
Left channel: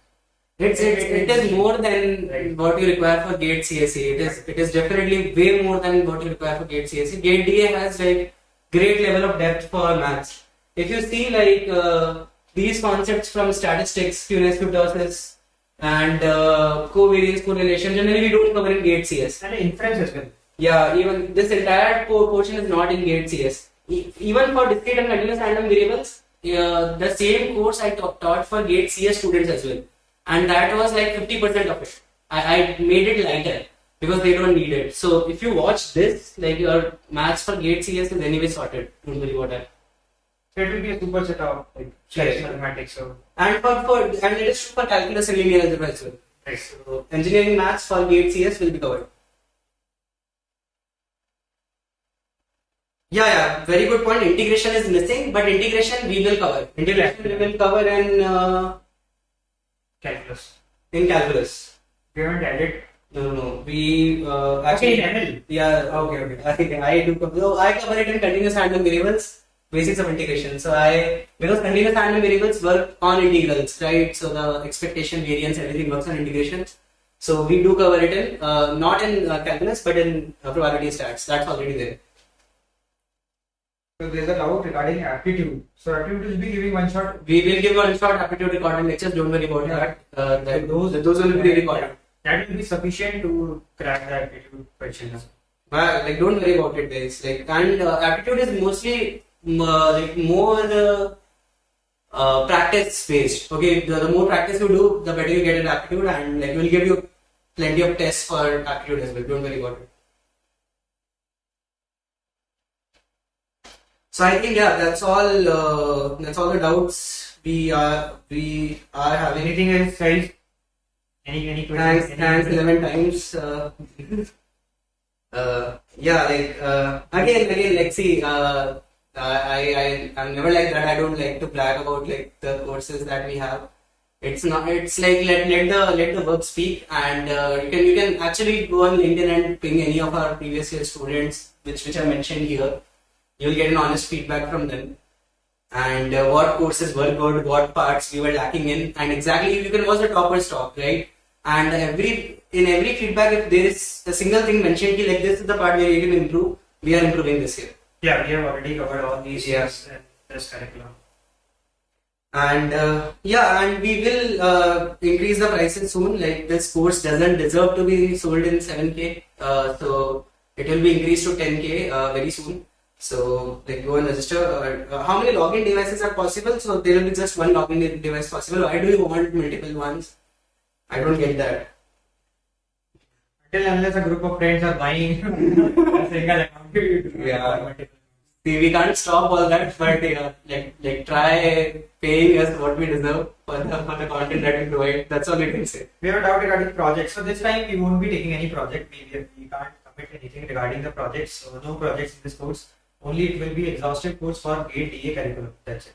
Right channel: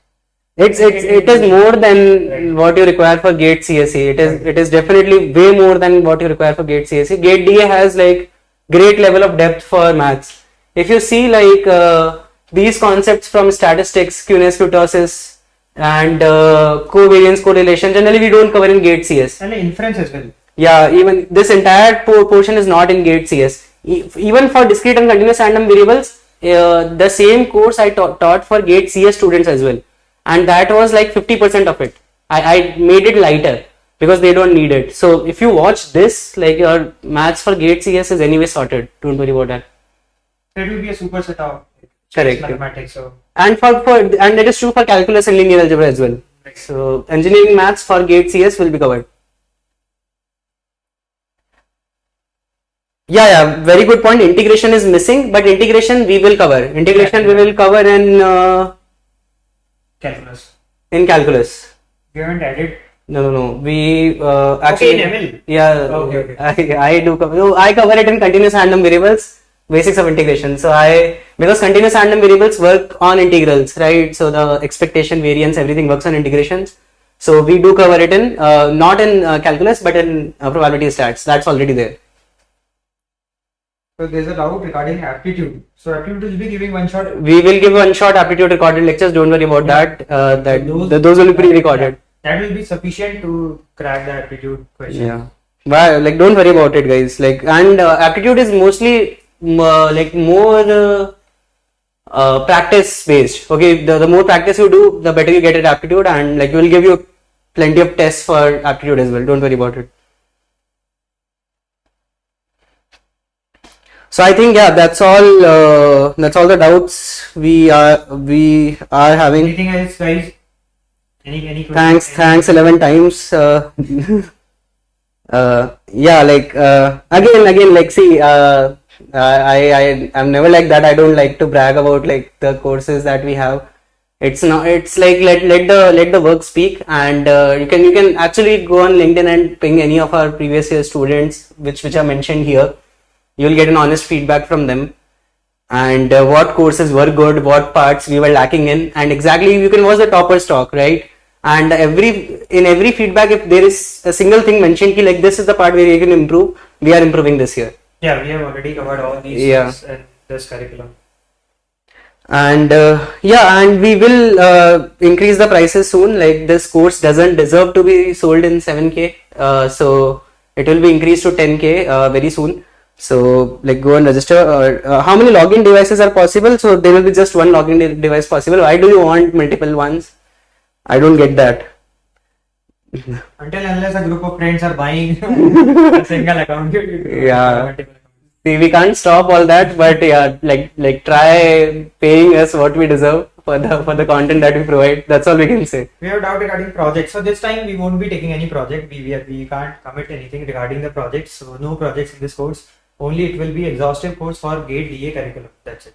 It is more than what you require for GATE CSE. It is definitely way more than what you require for GATE CSE. GATE DA has like great level of depth for maths. If you see like these concepts from statistics, Q-ness, kurtosis, and covariance, correlation, generally we don't cover in GATE CS. And inference as well. Yeah, even this entire portion is not in GATE CS. Even for discrete and continuous random variables, the same course I taught for GATE CS students as well. And that was like 50% of it. I made it lighter because they don't need it. So if you watch this, like your maths for GATE CS is anyway sorted. Don't worry about that. So it will be a superset of like Correct. mathematics. So And and that is true for calculus and linear algebra as well. right. So engineering maths for GATE CS will be covered. Yeah, very good point. Integration is missing, but integration we will cover. Integration we will cover Calculus. in calculus. We haven't added. No. We actually. Okay, in ML. Yeah. Okay. I do cover. No, I cover it in continuous random variables, basics of integration. So because continuous random variables work on integrals, right? So the expectation, variance, everything works on integrations. So we do cover it in not in calculus, but in probability stats. That's already there. So there's a doubt regarding aptitude. So aptitude will be giving one shot. We will give one shot aptitude recorded lectures. Don't worry about that. So Those will be pre-recorded. That will be sufficient to crack the aptitude questions. Yeah. Well, like don't worry about it, guys. Like and aptitude is mostly like more practice based. Okay, the more practice you do, the better you get at aptitude, and like we will give you plenty of tests for aptitude as well. Don't worry about it. So I think that's all. That's all the doubts we are having. Anything else, guys? Any questions? Thanks 11 times. Yeah, like again, like see, I'm never like that. I don't like to brag about like the courses that we have. It's not. It's like let the work speak, and you can actually go on LinkedIn and ping any of our previous year students, which are mentioned here. You'll get an honest feedback from them, and what courses were good, what parts we were lacking in, and exactly you can watch the toppers talk, right? And in every feedback, if there is a single thing mentioned, ki like this is the part where you can improve, we are improving this year. Yeah, we have already covered all these things in this curriculum. And and we will increase the prices soon. Like this course doesn't deserve to be sold in 7K, so it will be increased to 10K very soon. So like go and register. How many login devices are possible? So there will be just one login device possible. Why do you want multiple ones? I don't get that. Until unless a group of friends are buying a single account, Yeah. See, we can't stop all that, but yeah, like try paying us what we deserve for the content that we provide. That's all we can say. We have a doubt regarding projects. So this time we won't be taking any project. We can't commit anything regarding the projects. So no projects in this course. Only it will be exhaustive course for GATE DA curriculum. That's it.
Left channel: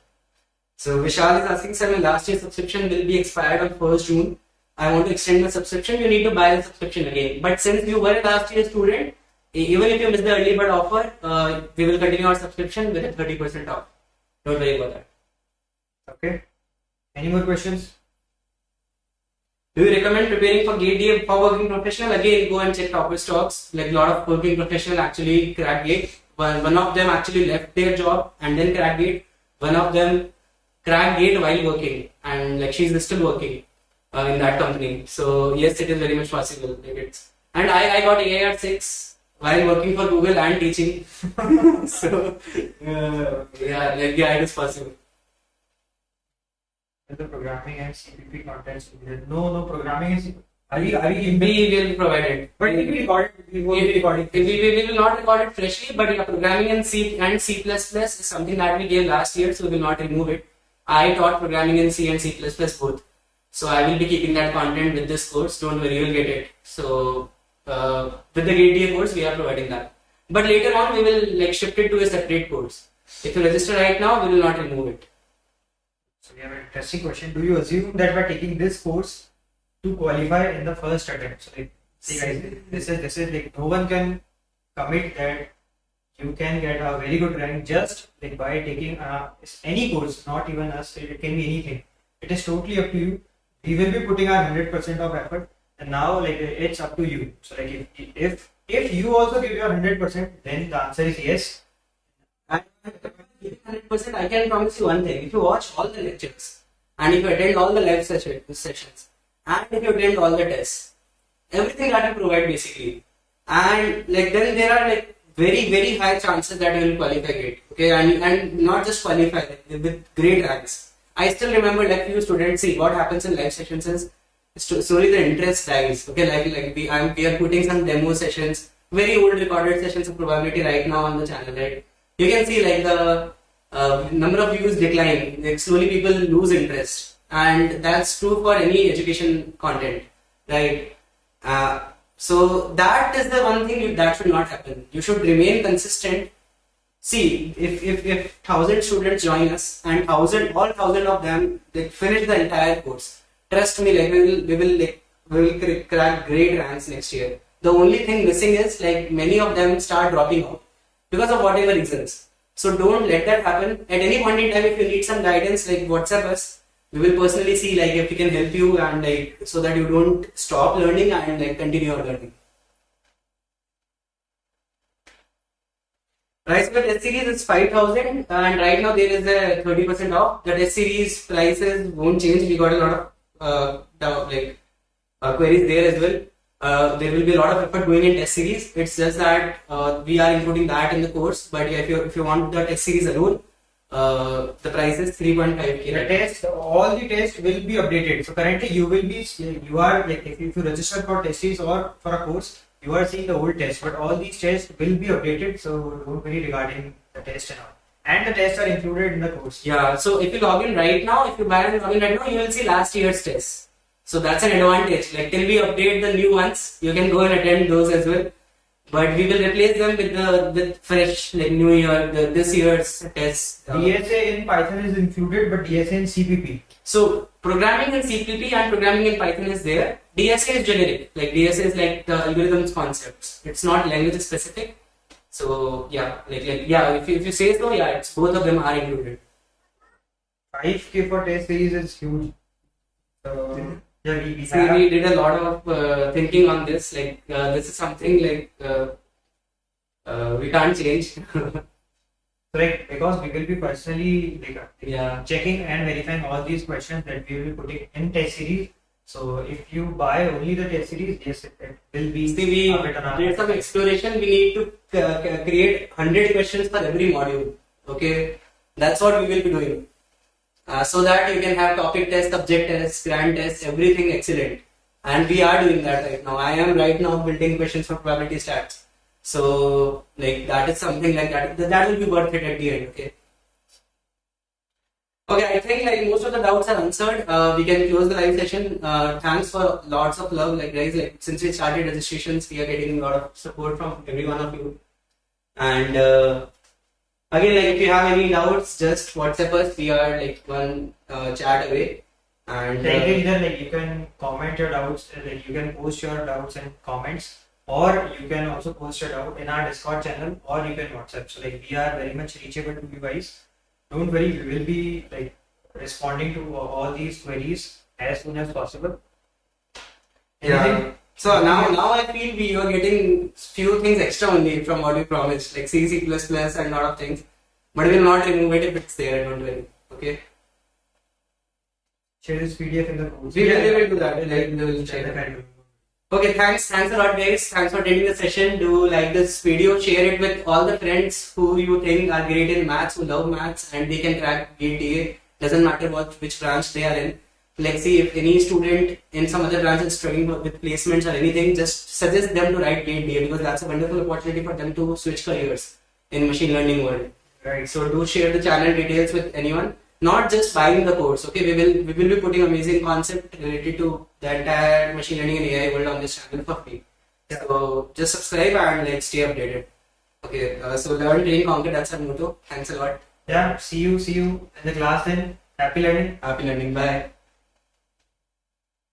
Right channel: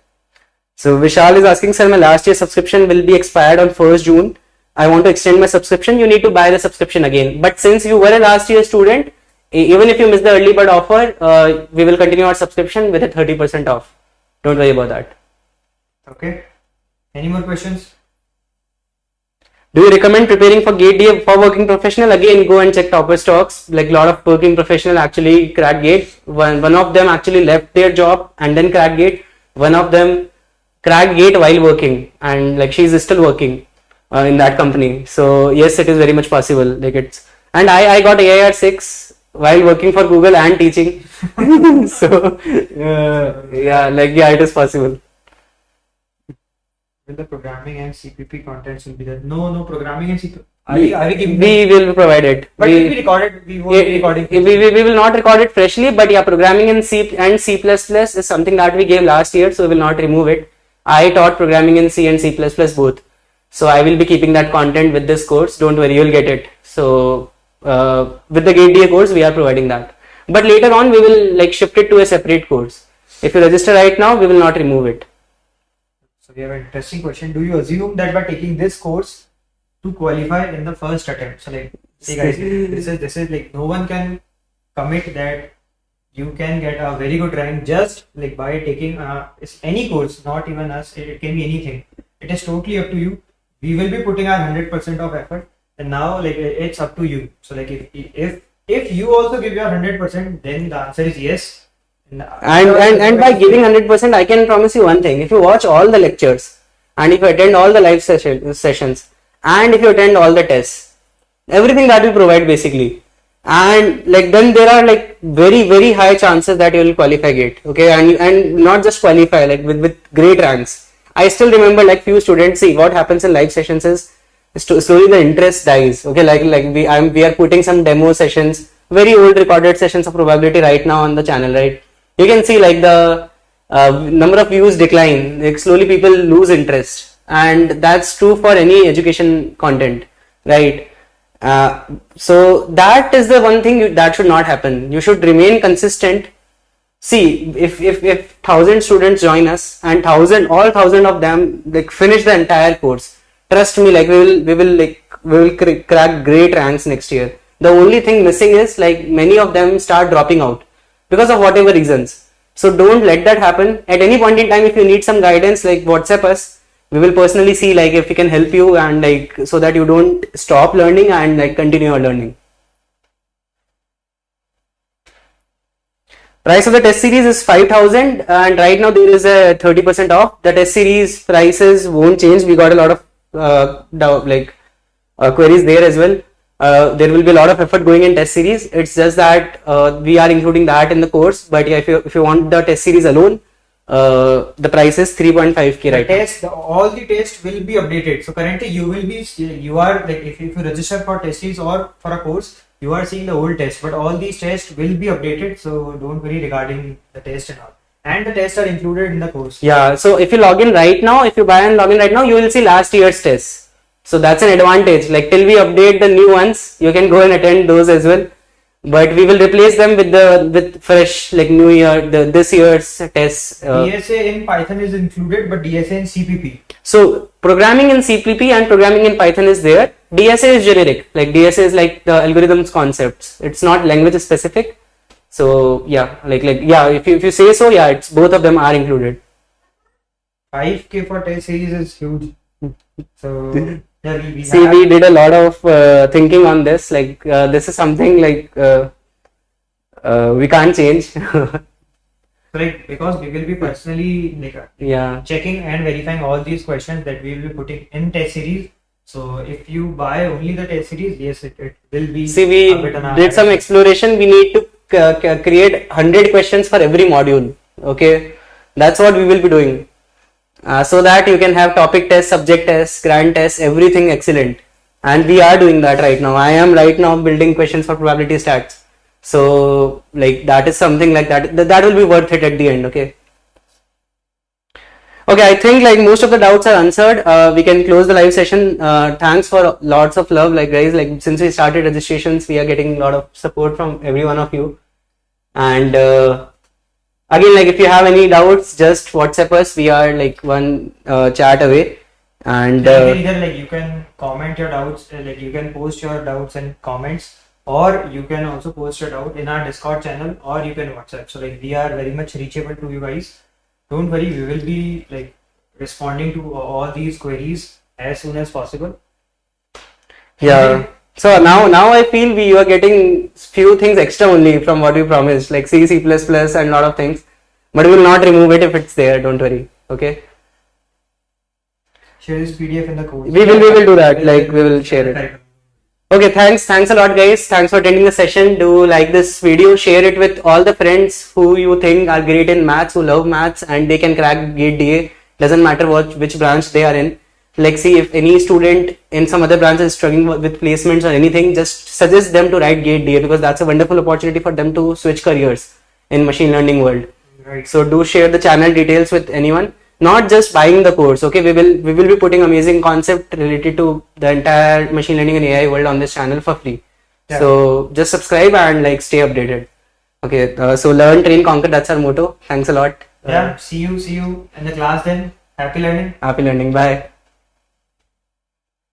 So Vishal is asking, sir, my last year subscription will be expired on 1st June. I want to extend my subscription. You need to buy the subscription again. But since you were a last year student, even if you miss the early bird offer, we will continue our subscription with a 30% off. Don't worry about that. Okay. Any more questions? Do you recommend preparing for GATE DA for working professional? Again, go and check Topper Stocks. Like a lot of working professional actually crack GATE. One of them actually left their job and then cracked GATE. One of them cracked GATE while working, and like she's still working in that company. So yes, it is very much possible. Like and I got AIR 6 while working for Google and teaching. So it is possible. Will the programming and CPP contents will be there? No programming and CPP. Are we giving we will provide it. But we recorded. We won't be recording. We will not record it freshly, but yeah, programming in C and C++ is something that we gave last year, so we will not remove it. I taught programming in C and C++ both, so I will be keeping that content with this course. Don't worry, you'll get it. So with the GATE DA course, we are providing that. But later on, we will like shift it to a separate course. If you register right now, we will not remove it. So we have an interesting question. Do you assume that by taking this course to qualify in the first attempt? So like, see guys, this is like no one can commit that you can get a very good rank just like by taking any course, not even us. It can be anything. It is totally up to you. we will be putting our 100% of effort, and now like it's up to you. So like if you also give your 100%, then the answer is yes. And by giving 100%, I can promise you one thing: if you watch all the lectures, and if you attend all the live sessions, and if you attend all the tests, everything that we provide basically, and like then there are like very high chances that you will qualify GATE. Okay, and not just qualify, like with great ranks. I still remember like few students. See, what happens in live sessions is slowly the interest dies. Okay, like we are putting some demo sessions, very old recorded sessions of probability right now on the channel, right? You can see like the number of views decline. Like slowly people lose interest, and that's true for any education content, right? So that is the one thing that should not happen. You should remain consistent. See, if 1,000 students join us and all 1,000 of them like finish the entire course, trust me, like we will crack great ranks next year. The only thing missing is like many of them start dropping out because of whatever reasons. So don't let that happen. At any point in time, if you need some guidance, like WhatsApp us. We will personally see like if we can help you, and like so that you don't stop learning and like continue your learning. Price of the test series is 5,000, and right now there is a 30% off. The test series prices won't change. We got a lot of queries there as well. There will be a lot of effort going in test series. It's just that we are including that in the course. But yeah, if you want the test series alone, the price is 3.5k right now. All the tests will be updated. So currently you are like if you register for test series or for a course, you are seeing the old test, but all these tests will be updated. So don't worry regarding the test and all. And the tests are included in the course. Yeah. So if you log in right now, if you buy and log in right now, you will see last year's tests. So that's an advantage. Like till we update the new ones, you can go and attend those as well. But we will replace them with fresh like new year this year's tests. DSA in Python is included, but DSA in CPP. So programming in CPP and programming in Python is there. DSA is generic. Like DSA is like the algorithms concepts. It's not language specific. So yeah, yeah. If you say so, yeah, it's both of them are included. 5k for test series is huge. So. Yeah, we did a lot of thinking on this. Like this is something like we can't change. Like because we will be personally like checking and verifying all these questions that we will be putting in test series. So if you buy only the test series, yes, it will be. See, we did some exploration. We need to create 100 questions for every module. Okay, that's what we will be doing. So that you can have topic tests, subject tests, grand tests, everything excellent. And we are doing that right now. I am right now building questions for probability stats. So like that is something like that will be worth it at the end. Okay. Okay, I think like most of the doubts are answered. We can close the live session. Thanks for lots of love. Like guys, like since we started registrations, we are getting a lot of support from every one of you. And again, like if you have any doubts, just WhatsApp us. We are like one chat away, and either like you can comment your doubts, like you can post your doubts and comments, or you can also post your doubt in our Discord channel, or you can WhatsApp. So like we are very much reachable to you guys. Don't worry, we will be like responding to all these queries as soon as possible. Yeah. So now I feel we are getting few things extra only from what we promised, like C, C++ and lot of things, but we will not remove it if it's there. Don't worry. Okay. Share this PDF in the course. We will do that. Like we will share it. Okay. Thanks a lot, guys. Thanks for attending the session. Do like this video, share it with all the friends who you think are great in maths, who love maths, and they can crack GATE DA. Doesn't matter which branch they are in. Like see, if any student in some other branch is struggling with placements or anything, just suggest them to write GATE DA, because that's a wonderful opportunity for them to switch careers in machine learning world. Right. So do share the channel details with anyone, not just buying the course. Okay, we will be putting amazing concept related to the entire machine learning and AI world on this channel for free. Yeah. So just subscribe and like stay updated. Okay, so learn, train, conquer. That's our motto. Thanks a lot. Yeah. See you in the class then. Happy learning. Happy learning. Bye.